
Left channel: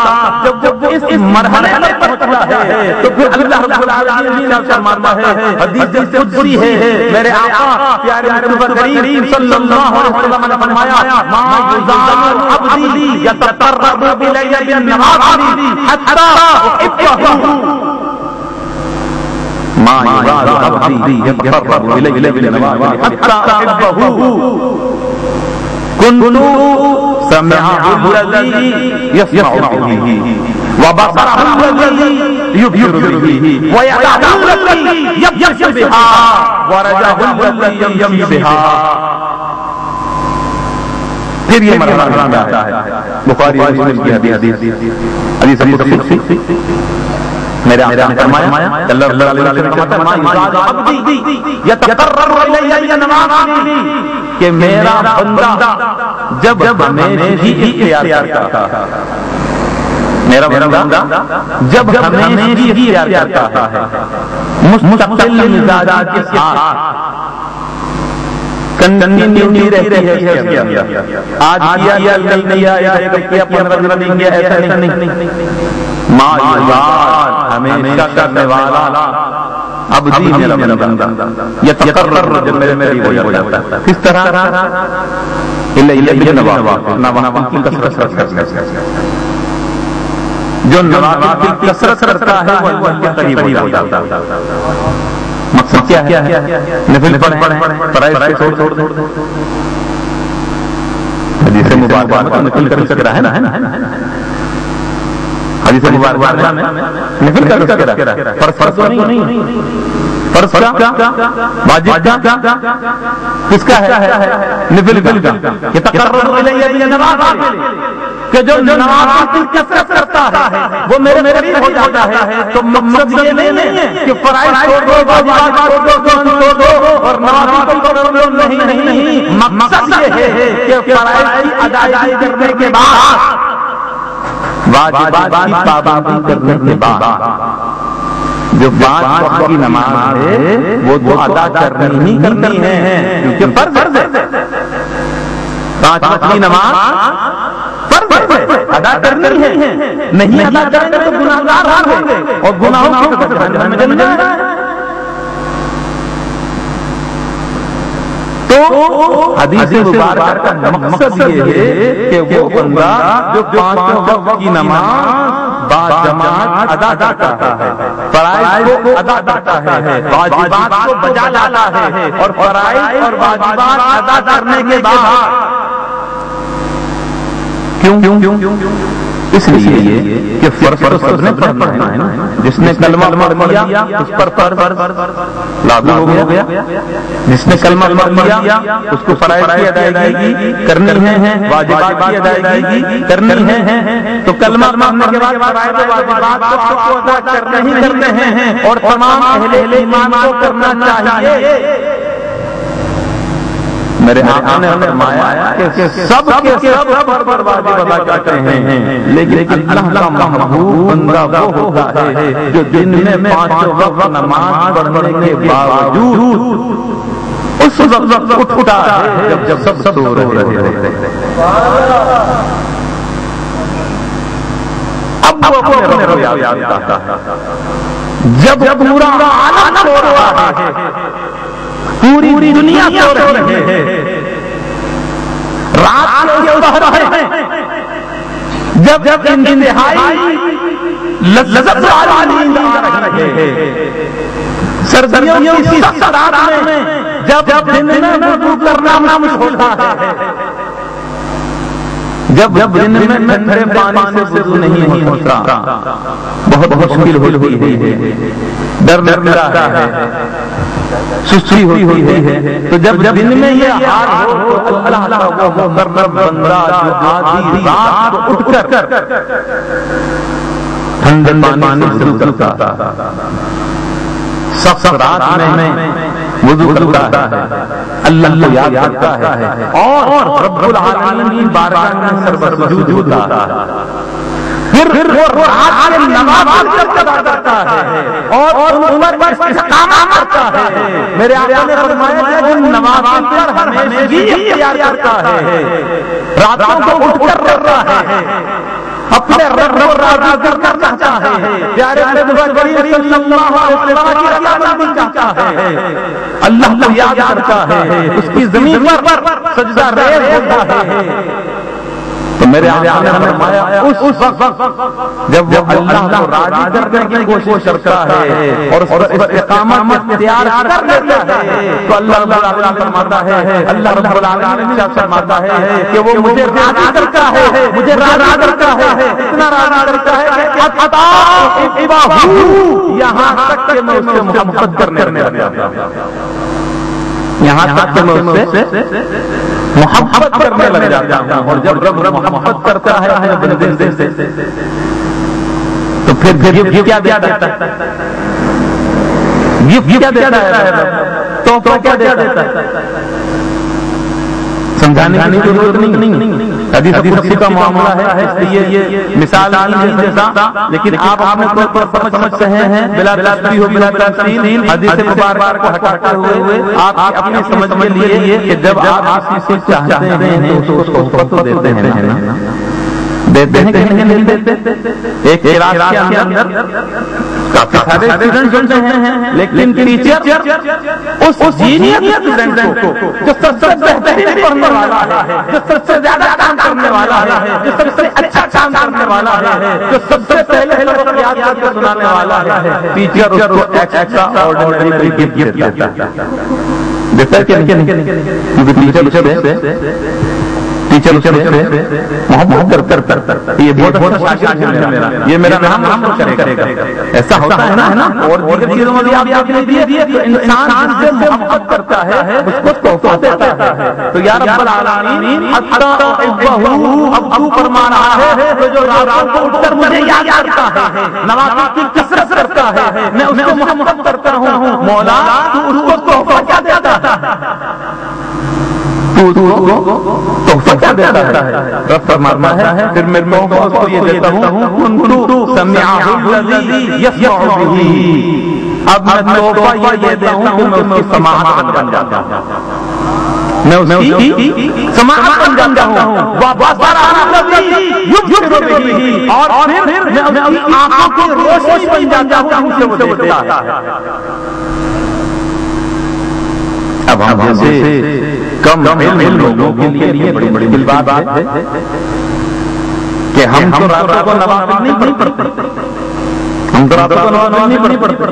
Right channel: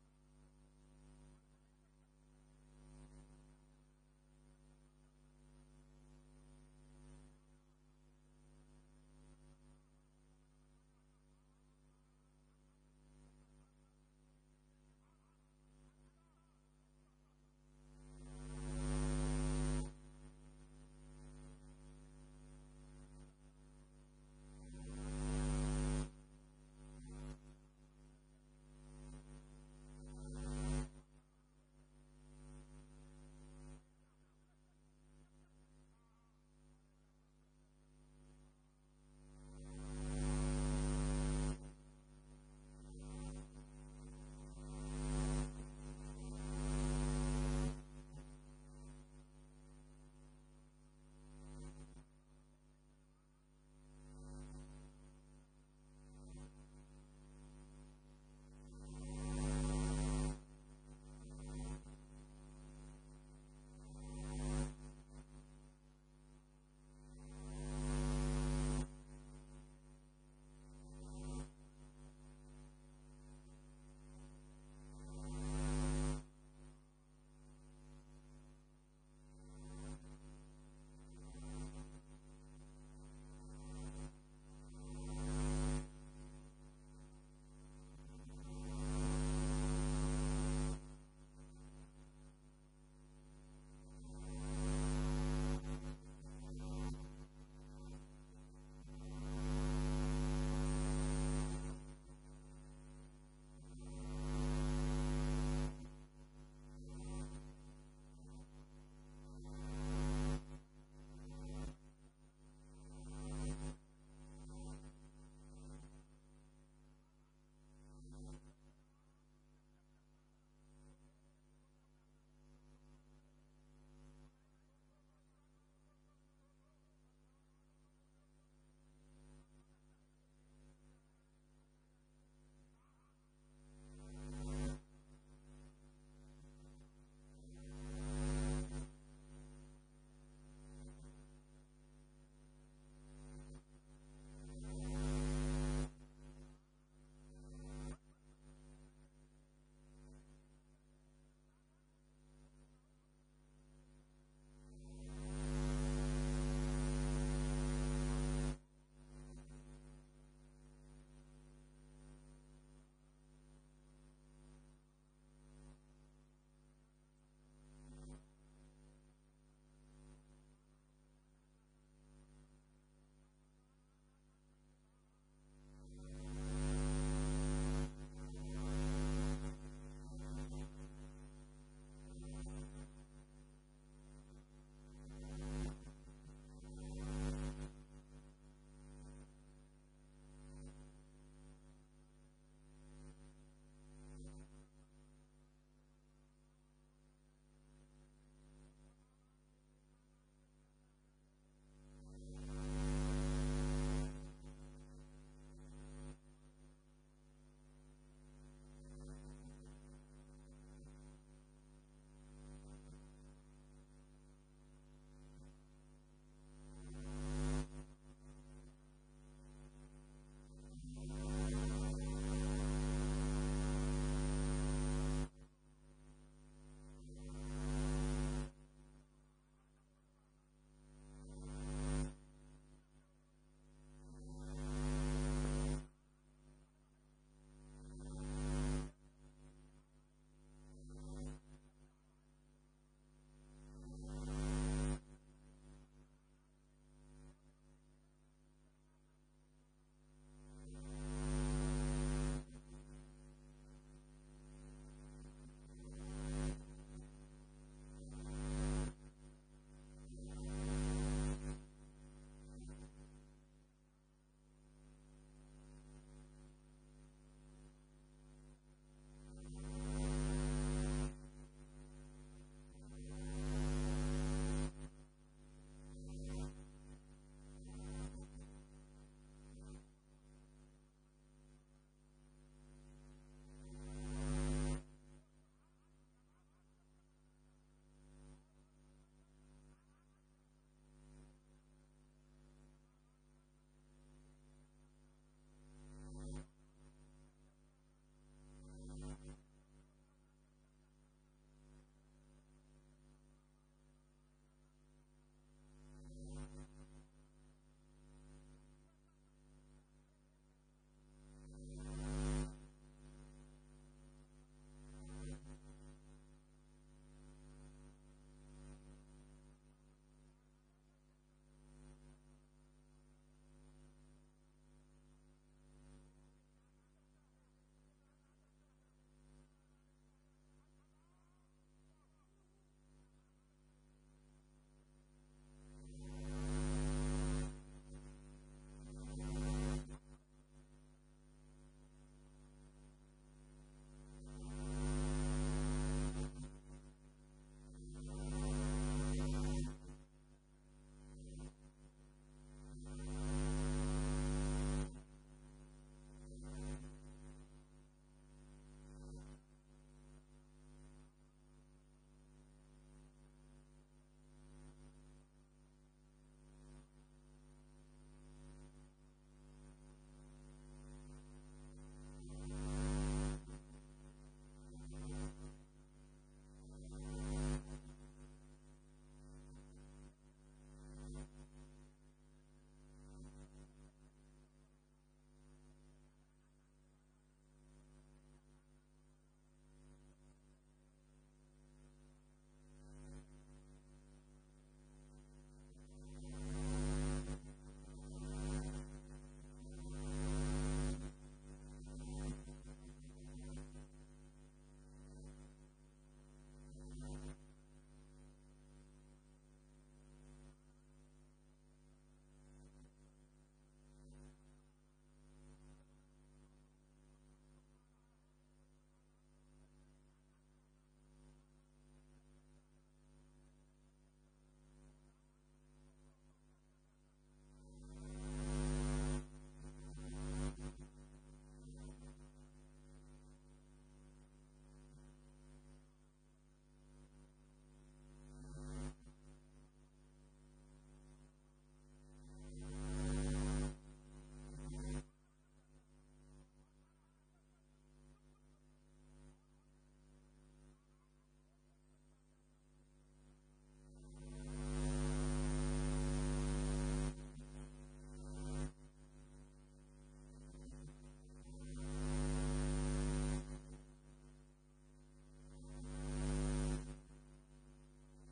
جب اس مرحلے پر پہنچتا ہے تو پھر اللہ رب العالمین فرماتا ہے، حدیث قدسی ہے، میرے آقا پیارے مصطفیٰ کریم صلی اللہ علیہ وسلم نے فرمایا، ما یزال عبدی یتقرب الی بالنوافل حتی احبہ، ما یزال عبدی یتقرب الی بالنوافل حتی احبہ، كنت سمعه الذي يسمع به وبصره الذي يبصر به ويده التي يبطش بها ورجله الذي يمشي بها. پھر یہ مرحلہ آتا ہے بخاری اور مسلم کی حدیث قدسی، میرے آقا نے فرمایا اللہ علیہ وسلم فرماتا ہے عبدی یتقرب الی بنوافل، کہ میرا بندہ جب ہمیں ہی اختیار کرتا ہے، میرا بندہ جب ہمیں ہی اختیار کرتا ہے، مستقل مزاج کے ساتھ، کنٹینیوٹی رہتی ہے، آج کیا کل نہیں آیا، کل کیا 15 دن کیا، ایسا نہیں، ما یزال ہمیشہ کرنے والا عبدی میرا بندہ یتقرب، جب میرے ہو جاتا ہے کس طرح الیہ بالنوافل، نوافل کی کثرت کرنے سے، جو نوافل کی کثرت کرتا ہے وہ اللہ کے قریب ہو جاتا ہے. مقصد کیا ہے؟ نفل پڑھیں، فرائض چھوڑ دیں. حدیث مبارکہ میں نفل کر سکتا ہے نا، حدیث مبارکہ میں نفل کر سکتا ہے، فرض نہیں، فرض کیا، واجب کیا، کس کا ہے؟ نفل کا. کہ تقرب الی بالنوافل، کہ جو نوافل کی کثرت کرتا ہے وہ میرے قریب ہو جاتا ہے. تو مقصد یہ نہیں ہے کہ فرائض چھوڑ دو، واجبات چھوڑ دو، سنن چھوڑ دو اور نوافل کو چھوڑ دو، نہیں، مقصد یہ ہے کہ فرائض کی ادائیگی کرنے کے بعد، واجبات کی پابندی کرنے کے بعد جو 5 وقت کی نماز ہے وہ ادا کرنی ہی کرنی ہے، کیونکہ فرض ہے. 5 وقت کی نماز فرض ہے، ادا کرنی ہے، نہیں ادا کریں گے تو گناہگار ہوں گے اور گناہوں کی وجہ سے جہنم میں جانا ہے. تو حدیث مبارکہ کا مقصد یہ ہے کہ وہ بندہ جو 5 وقت کی نماز باجماعت ادا کرتا ہے، فرائض کو ادا کرتا ہے، واجبات کو بجا لاتا ہے، اور فرائض اور واجبات ادا کرنے کے بعد کیوں اس لیے کہ فرض تو سب نے پڑھنا ہے نا، جس نے کلمہ پڑھ لیا اس پر فرض لاگو ہو گیا، جس نے کلمہ پڑھ لیا اس کو فرائض کی ادائیگی کرنی ہے، واجبات کی ادائیگی کرنی ہے. تو کلمہ پڑھنے کے بعد فرائض و واجبات کو آپ کو ادا کرنے ہی کرنے ہیں، اور تمام اہل ایمان کو کرنا چاہیے. میرے آقا نے فرمایا کہ سب کے سب پر واجب ادا کرتے ہیں، لیکن اللہ کا محبوب بندہ وہ ہوتا ہے جو دن میں 5 وقت نماز پڑھنے کے باوجود اس وقت اٹھتا ہے جب سب سو رہے ہوتے ہیں. اب وہ اپنے رب یاد کرتا ہے جب پورا عالم سو رہا ہے، پوری دنیا سو رہی ہے، رات کے پہر ہے، جب انتہائی لذت والی نیند آ رہی ہے، سردیوں کی سخت رات میں جب دن میں وضو کرنا مشکل ہوتا ہے، جب دن میں ٹھنڈے پانی سے وضو نہیں ہوتا، بہت مشکل ہوتی ہے، ڈر لگتا ہے، سستی ہوئی ہے. تو جب دن میں یہ حال ہو تو اللہ کا وہ مقرب بندہ جو آدھی رات کو اٹھ کر ٹھنڈے پانی سے وضو کرتا ہے، سخت رات میں وضو کرتا ہے، اللہ کو یاد کرتا ہے اور رب العالمین بارگاہ میں سر بسجود ہوتا ہے. پھر وہ رات کے نوافل ادا کرتا ہے اور عمر پر استقامت کرتا ہے. میرے آقا نے فرمایا کہ وہ نوافل پر ہمیشگی اختیار کرتا ہے, راتوں کو اٹھ کر روتا ہے, اپنے رب کو راضی کرنا چاہتا ہے, پیارے نبی کریم صلی اللہ علیہ وسلم کی رضامندی چاہتا ہے, اللہ کو یاد کرتا ہے, اس کی زمین پر سجدہ ریز ہوتا ہے. تو میرے آقا نے فرمایا اس وقت جب وہ اللہ کو راضی کرنے کی کوشش کرتا ہے اور اس پر استقامت اختیار کر لیتا ہے تو اللہ رب العالمین فرماتا ہے, اللہ رب العالمین فرماتا ہے کہ وہ مجھے راضی کرتا ہے, مجھے راضی کرتا ہے, اتنا راضی کرتا ہے کہ اتباہ یہاں تک کہ میں اس سے محبت کرنے لگا, یہاں تک کہ میں اس سے محبت کرنے لگ جاتا ہوں. اور جب رب محبت کرتا ہے بندے سے تو پھر کیا دیتا ہے, گفٹ کیا دیتا ہے, تو کیا دیتا ہے, سمجھانے کی ضرورت نہیں. حدیث قدسی کا معاملہ ہے, اس لیے یہ مثال نہیں جیسا, لیکن آپ اپنے طور پر سمجھ رہے ہیں بلا تشبیہ و بلا تمثیل حدیث مبارکہ کو ہٹاتے ہوئے آپ اپنی سمجھ میں لیے کہ جب آپ کسی سے چاہتے ہیں تو اس کو تحفہ دیتے ہیں, دیتے ہیں کہ نہیں دیتے. ایک کلاس کے اندر کافی سارے اسٹوڈنٹ جڑتے ہیں, لیکن ٹیچر اس جینیس اسٹوڈنٹ کو جو سب سے بہترین پڑھنے والا ہے, جو سب سے زیادہ کام کرنے والا ہے, جو سب سے اچھا کام کرنے والا ہے, جو سب سے پہلے سبق یاد کر کے سنانے والا ہے, ٹیچر اس کو ایکسٹرا آرڈینری گفٹ دیتا ہے کہ ٹیچر سے محبت کر یہ بہت اچھا شاگرد ہے میرا, یہ میرا نام کرے گا, ایسا ہوتا ہے نا. اور دیگر چیزوں میں بھی آپ دیکھیے تو انسان جس سے محبت کرتا ہے اس کو تحفہ دیتا ہے. تو یا رب العالمین اب تو فرما رہا ہے تو جو راتوں کو اٹھ کر مجھے یاد کرتا ہے, نوافل کی کثرت کرتا ہے, میں اس کو محبت کرتا ہوں, مولا تو اس کو تحفہ کیا دیتا ہے, تحفہ کیا دیتا ہے. رب فرماتا ہے پھر میں اس کو یہ دیتا ہوں کنتو سمعہ الذی یسمع بہ, اب میں تحفہ یہ دیتا ہوں کہ میں اس کی سماعت بن جاتا ہوں, میں اس کی سماعت بن جاتا ہوں, وبصرہ الذی یبصر بہ, اور پھر میں اس کی آنکھوں کی روشنی بن جاتا ہوں کہ وہ دیکھتا ہے. اب ہم جیسے کم علم لوگوں کے لیے بڑی بڑی بات ہے کہ ہم تو راتوں کو نوافل نہیں پڑھتے, ہم تو راتوں کو نوافل نہیں پڑھتے,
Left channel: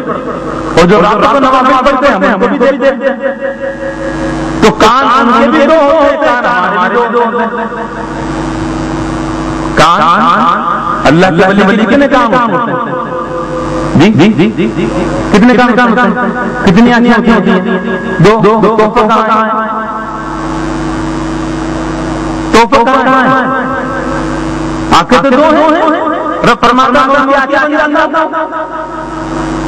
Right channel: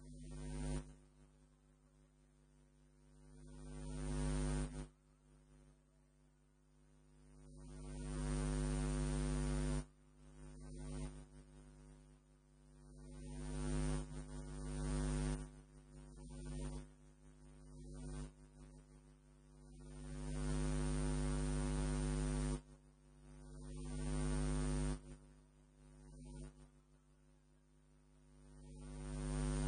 اور جو راتوں کو نوافل پڑھتے ہیں ہم کو بھی دیکھتے ہیں, تو کان ان کے بھی دو ہوتے, کان ہمارے بھی دو ہوتے. کان اللہ کے ولی کتنے کام ہوتے ہیں, جی کتنے کام ہوتے ہیں, کتنی آنکھیں ہوتی ہیں, دو. توفہ کہاں ہے, توفہ کہاں ہے, آنکھیں تو دو ہیں. رب فرماتا ہے کہ آنکھیں بن جاتا.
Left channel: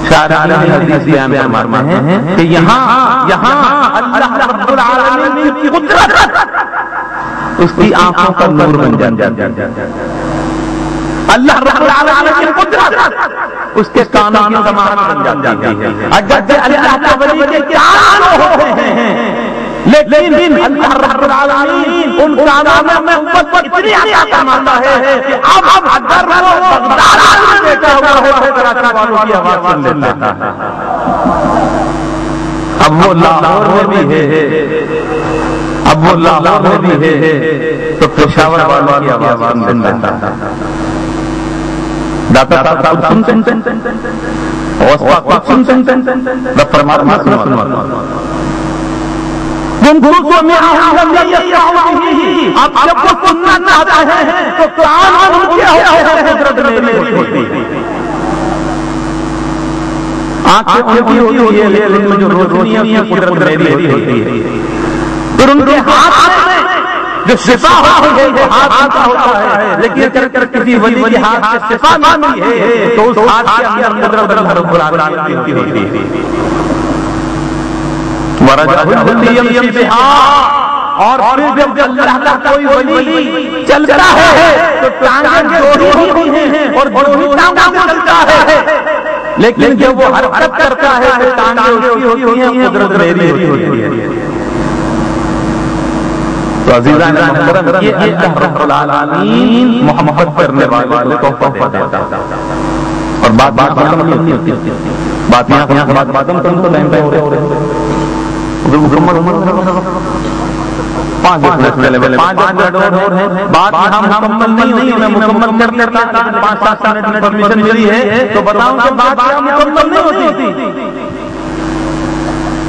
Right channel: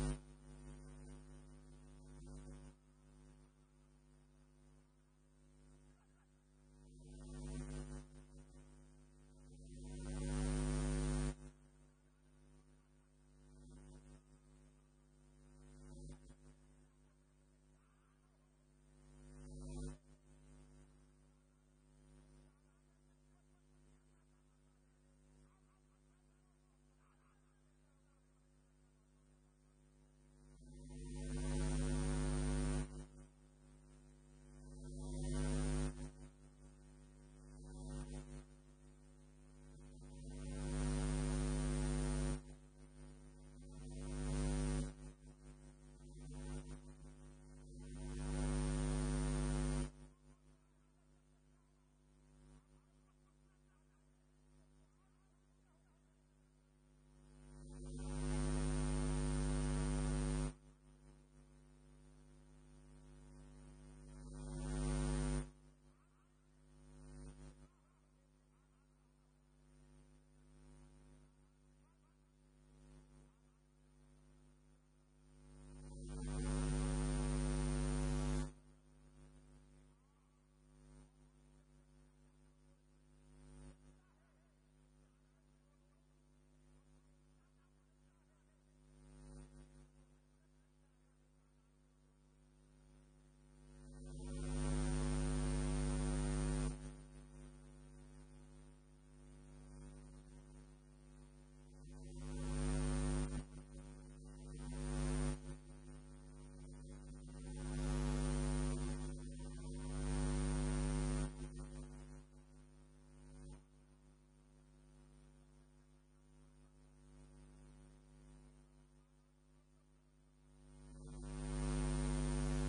شارح حدیث بیان فرماتے ہیں کہ یہاں اللہ رب العالمین کی قدرت اس کی آنکھوں کا نور بن جاتا ہے. اللہ رب العالمین کی قدرت اس کے کانوں کی سماعت بن جاتی ہے. اگرچہ اللہ کے ولی کے کان ہوتے ہیں, لیکن اللہ رب العالمین ان کانوں میں قوت اتنی عطا فرماتا ہے کہ اب اگر وہ بغداد میں بیٹھا ہوا ہے تو کراچی والوں کی آواز سن لیتا ہے. اب وہ لاہور میں بھی ہے, اب وہ لاہور میں بھی ہے تو پشاور والوں کی آواز سن لیتا ہے. داتا صاحب سنتے ہیں, اوسطا خود سنتے ہیں, رب فرماتا ہے سنو اب جب وہ سننا چاہتا ہے تو کان ان کے ہوتے ہیں, قدرت میری ہوتی ہے. آنکھیں ان کی ہوتی ہے, لیکن میں جو روشنی ہے اس کی قدرت میری ہوتی ہے. پھر ان کے ہاتھ میں جو شفا ہوتی ہے وہ ہاتھ کا ہوتا ہے, لیکن اگر کسی ولی کے ہاتھ سے شفا مانگی ہے تو اس ہاتھ کے اندر قدرت رب العالمین کی ہوتی ہے. اور پھر جب اللہ کا کوئی ولی چلتا ہے تو ٹانگیں جوڑی ہوتی ہیں اور جوڑی ٹانگوں سے چلتا ہے، لیکن جب وہ حرکت کرتا ہے تو ٹانگیں اس کی ہوتی ہیں، قدرت میری ہوتی ہے۔ تو عزیزان محترم، یہ اللہ رب العالمین محبت کرنے والے کو تحفہ دیتا ہے۔ اور بات ختم نہیں ہوتی، بات یہاں بات ختم کروں تو ٹائم پہ ہو رہے پانچ منٹ اور ہے، بات یہاں مکمل نہیں ہوئی، میں مکمل کر لیتا، 5-7 منٹ پرمیشن ملی ہے تو بتاؤں کہ بات یہاں مکمل نہیں ہوتی،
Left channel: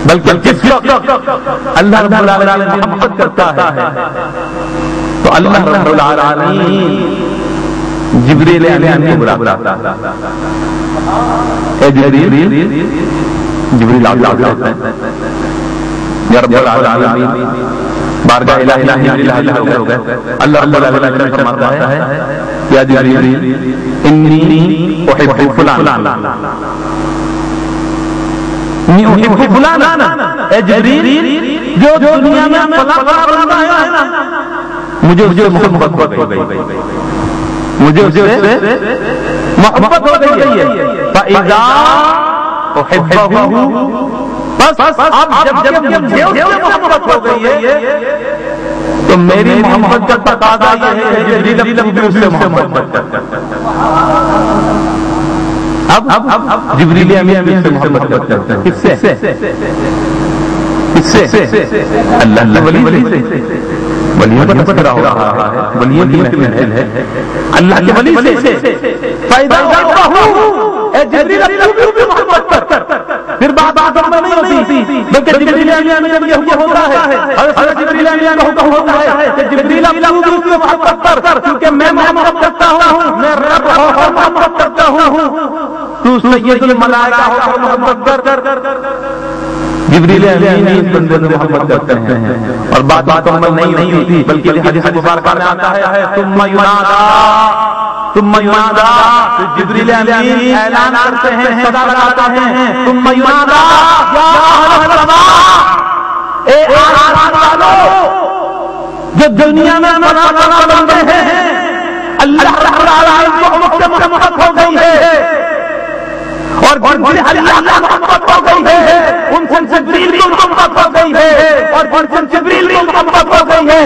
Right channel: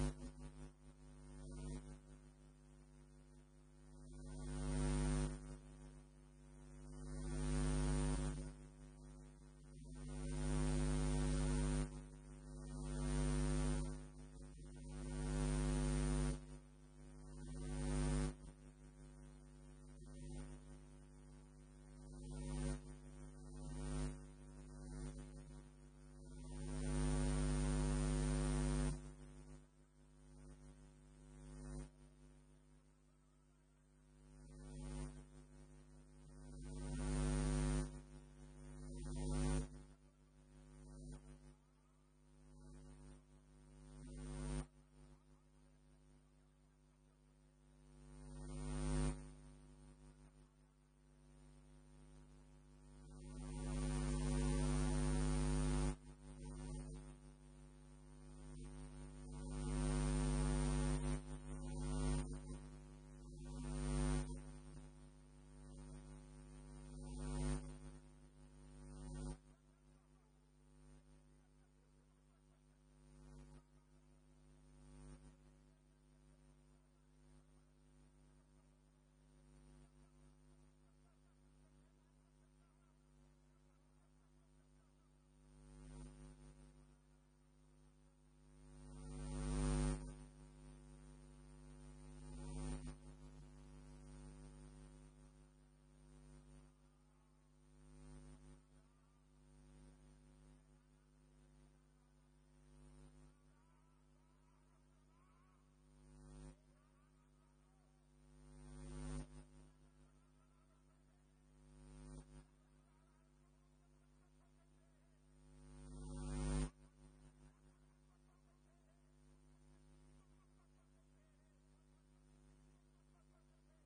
بلکہ جس وقت اللہ رب العالمین محبت کرتا ہے تو اللہ رب العالمین جبریل امین کو بلاتا ہے، اے جبریل، جبریل آتا ہے، یا رب العالمین بارگاہ الہی ہو گئے، اللہ رب العالمین فرماتا ہے یا جبریل انی احب فلانا، احب فلانا، اے جبریل جو دنیا میں فلاں بندہ ہے نا، مجھے اس سے محبت ہو گئی، مجھے اس سے محبت ہو گئی ہے، فَإِذَا أُحِبَّهُ، بس اب جب مجھے اس سے محبت ہو گئی ہے تو میری محبت کا تقاضا یہ ہے کہ جبریل اب بھی اس سے محبت کرتا ہے۔ اب جبریل امین بھی اس سے محبت کرتا ہے، کس سے؟ اللہ کے ولی سے، ولیوں پر محبت رہا ہے، ولیوں کی محفل ہے، اللہ کے ولی سے، فائدہ اے جبریل اب بھی محبت کر، پھر بات میں نہیں ہوتی، بلکہ جبریل امین یہ ہوتا ہے، حضرت جبریل امین کا حکم ہوتا ہے کہ جبریل اب بھی اس سے محبت کر، کیونکہ میں محبت کرتا ہوں، میں رب اور محبت کرتا ہوں، تو سید الملائکہ ہو محبت کر۔ جبریل امین اس بندے سے محبت کرتے ہیں اور بات مکمل نہیں ہوتی، بلکہ حدیث مبارکہ میں آتا ہے ثم ینادی، جبریل امین اعلان کرتے ہیں، صدا لگاتے ہیں، ثم ینادی یا اہل السماء، اے آسمان والو جو دنیا میں فلاں بندے ہیں، اللہ رب العالمین کو مجھ سے محبت ہو گئی ہے اور جن سے اللہ محبت ہو گئی ہے، ان سے جبریل کو محبت ہو گئی ہے اور جن سے جبریل کو محبت ہو گئی ہے،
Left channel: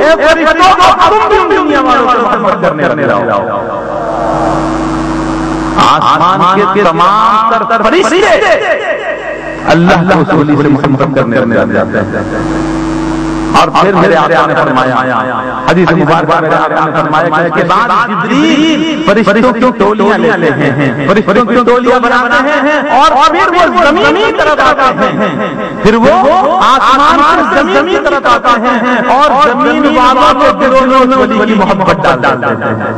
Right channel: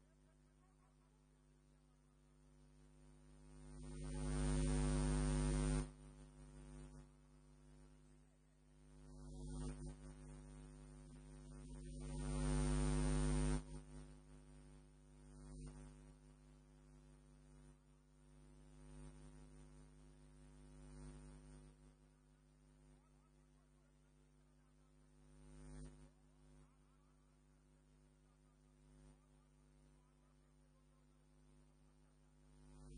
اے فرشتوں کو تم بھی دنیا والوں سے محبت کرنے لگو۔ آسمان کے تمام تر فرشتے اللہ کے رسول سے محبت کرنے لگ جاتے ہیں۔ اور پھر میرے آقا نے فرمایا، حدیث مبارکہ میں آقا نے فرمایا کہ بعد جبریل فرشتوں کی ٹولیاں لیتے ہیں، فرشتوں کی ٹولیاں بناتے ہیں اور پھر وہ زمین کی طرف آتے ہیں، پھر وہ آسمان سے زمین کی طرف آتے ہیں اور زمین والوں کے دلوں میں اس ولی کی محبت ڈال دیتے ہیں،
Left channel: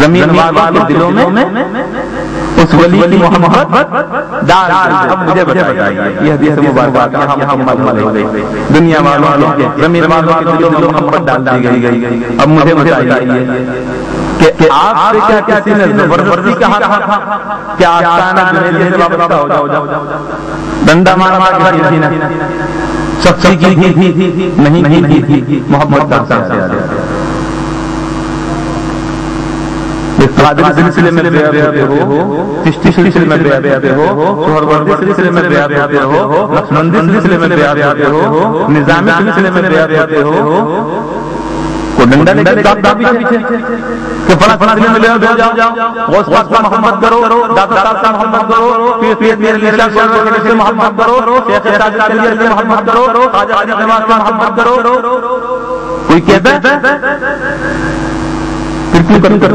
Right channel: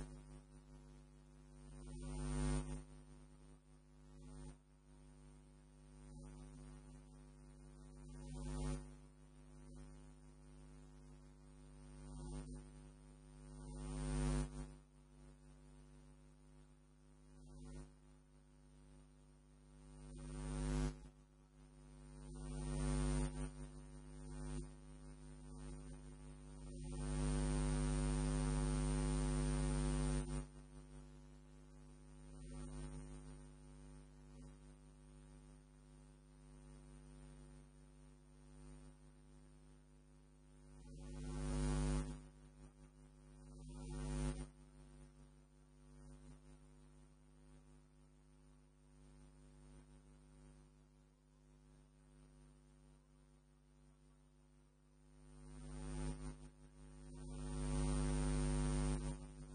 زمین والوں کے دلوں میں اس ولی کی محبت ڈال دیتے ہیں۔ اب مجھے بتائیے، یہ حدیث مبارکہ یہاں مکمل ہو گئی، دنیا والوں کے زمین والوں کے دلوں میں محبت ڈال دی گئی۔ اب مجھے بتائیے کہ آپ سے کیا کسی نے زبردستی کہا تھا کہ آستانہ جنید سے وابستہ ہو جاؤ، ڈنڈا مار کے کسی نے سختی کی تھی؟ نہیں کی تھی، محبت کرتا ہے۔ قادری سلسلے میں بیعت ہوتے ہو، چشتی سلسلے میں بیعت ہوتے ہو، سہروردی سلسلے میں بیعت ہوتے ہو، نقشبندی سلسلے میں بیعت ہوتے ہو، نظامی سلسلے میں بیعت ہوتے ہو، کو ڈنڈا لے کے دادا پیچھے کہ فلاں سلسلے میں بیعت ہو جاؤ، غوث پاک سے محبت کرو، دادا صاحب سے محبت کرو، پیر میرے لیے سے محبت کرو، شیخ تاج العلیہ سے محبت کرو، خواجہ حاجی نواز سے محبت کرو۔ کوئی کہتا ہے کیوں کرتے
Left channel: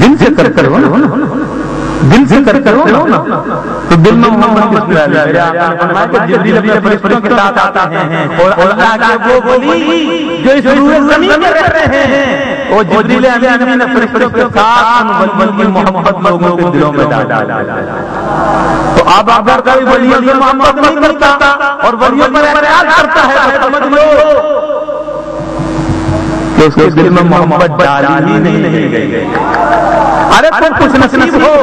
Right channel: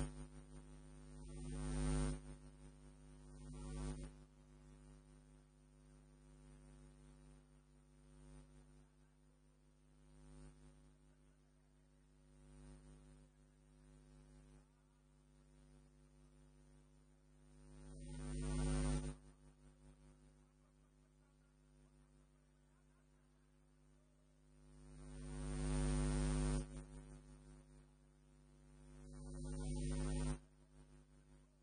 دل سے کرتے ہو نا، دل سے کرتے ہو نا، تو دل میں محبت کس طرح ہے؟ آپ نے فرمایا کہ جبریل اپنے فرشتوں کے ساتھ آتے ہیں اور اللہ کے وہ ولی جو اس روح زمین میں رہ رہے ہیں، وہ جبریل امین نے فرشتوں کے ساتھ ان کی محبت لوگوں کے دلوں میں ڈالا۔ تو اب اگر کوئی ولیوں سے محبت نہیں کرتا اور ولیوں پر اعتراض کرتا ہے تو سمجھ لو کہ کہ اس کے دل میں محبت ڈالی ہی نہیں گئی. ارے تم خوش نصیب ہو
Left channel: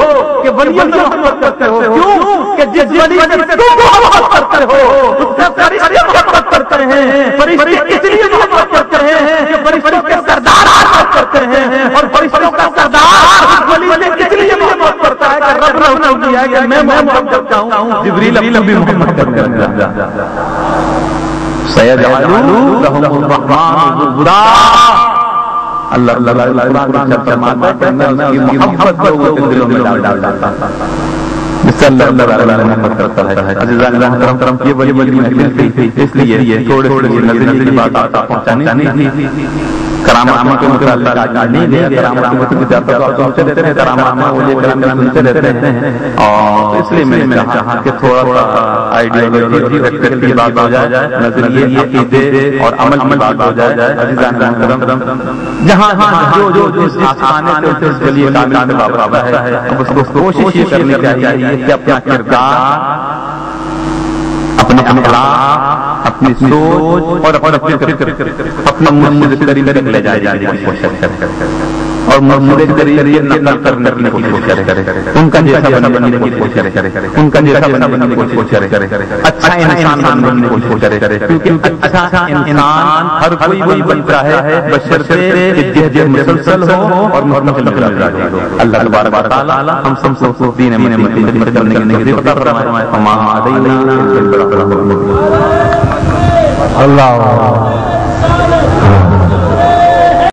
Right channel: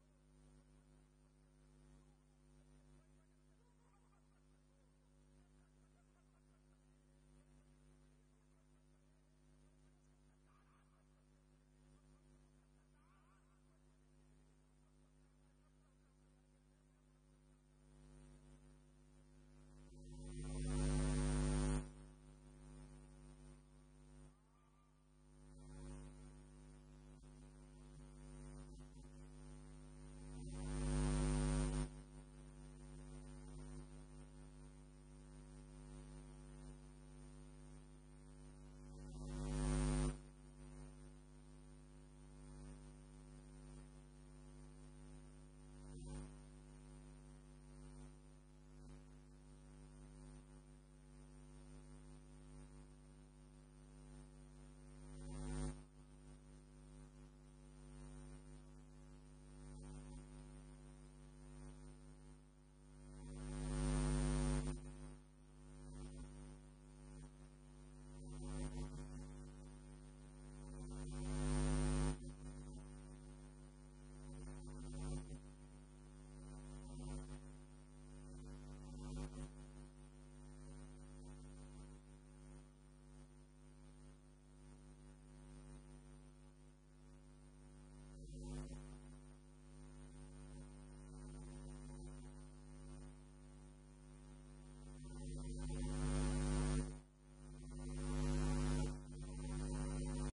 کہ ولیوں سے محبت کرتے ہو. کیوں کہ جس ولی سے تم محبت کرتے ہو اس سے فرشتے محبت کرتے ہیں. فرشتے اس لیے محبت کرتے ہیں کہ فرشتوں کے سردار محبت کرتے ہیں, اور فرشتوں کا سردار اس ولی سے اس لیے محبت کرتا ہے کہ رب نے حکم دیا ہے کہ میں محبت کرتا ہوں. جبریل بھی محبت کرنے لگا. سیجعل لهم الرحمن ودا. اللہ قرآن میں فرماتا ہے کہ میں اس کی محبت لوگوں کے دلوں میں ڈال دیتا ہوں. جس سے اللہ تعالیٰ محبت کرتا ہے. عزیزان محترم, یہ بڑی محفل تھی, اس لیے تھوڑے نظری کی بات آپ پہنچانی تھی. کرامات کے متعلق نہیں دیا. کرامات کی بات آپ سنتے رہتے ہیں, کرامات وہ کرام سنتے رہتے ہیں, اور اس لیے میں نے چاہا کہ تھوڑا سا آئیڈیالوجی فیکٹر کی بات ہو جائے, نظریے عقیدے اور عمل کی بات ہو جائے. عزیزان محترم, جہاں جو جس آسانے سے اس کے لیے کامل بابا ہے, اس کو کوشش یہ کرنی چاہیے کہ اپنا کردار, اپنے اخلاق, اپنی سوچ اور اپنے فکر اپنا مرشد قریب تک لے جانے کی کوشش کرے, اور مرشد قریب نقل کرنے کی کوشش کرے, ان کا جیسا بننے کی کوشش کرے, ان کا جیسا بننے کی کوشش کرے, اچھا انسان بننے کی کوشش کرے. کیونکہ اچھا انسان ہر کوئی بنتا ہے بشرطے کہ جہ مسلسل ہو اور مستقل ہو. اللہ تبارک و تعالی ہم سب کو دین میں خدمت کرنے کی توفیق عطا فرمائے. اللہ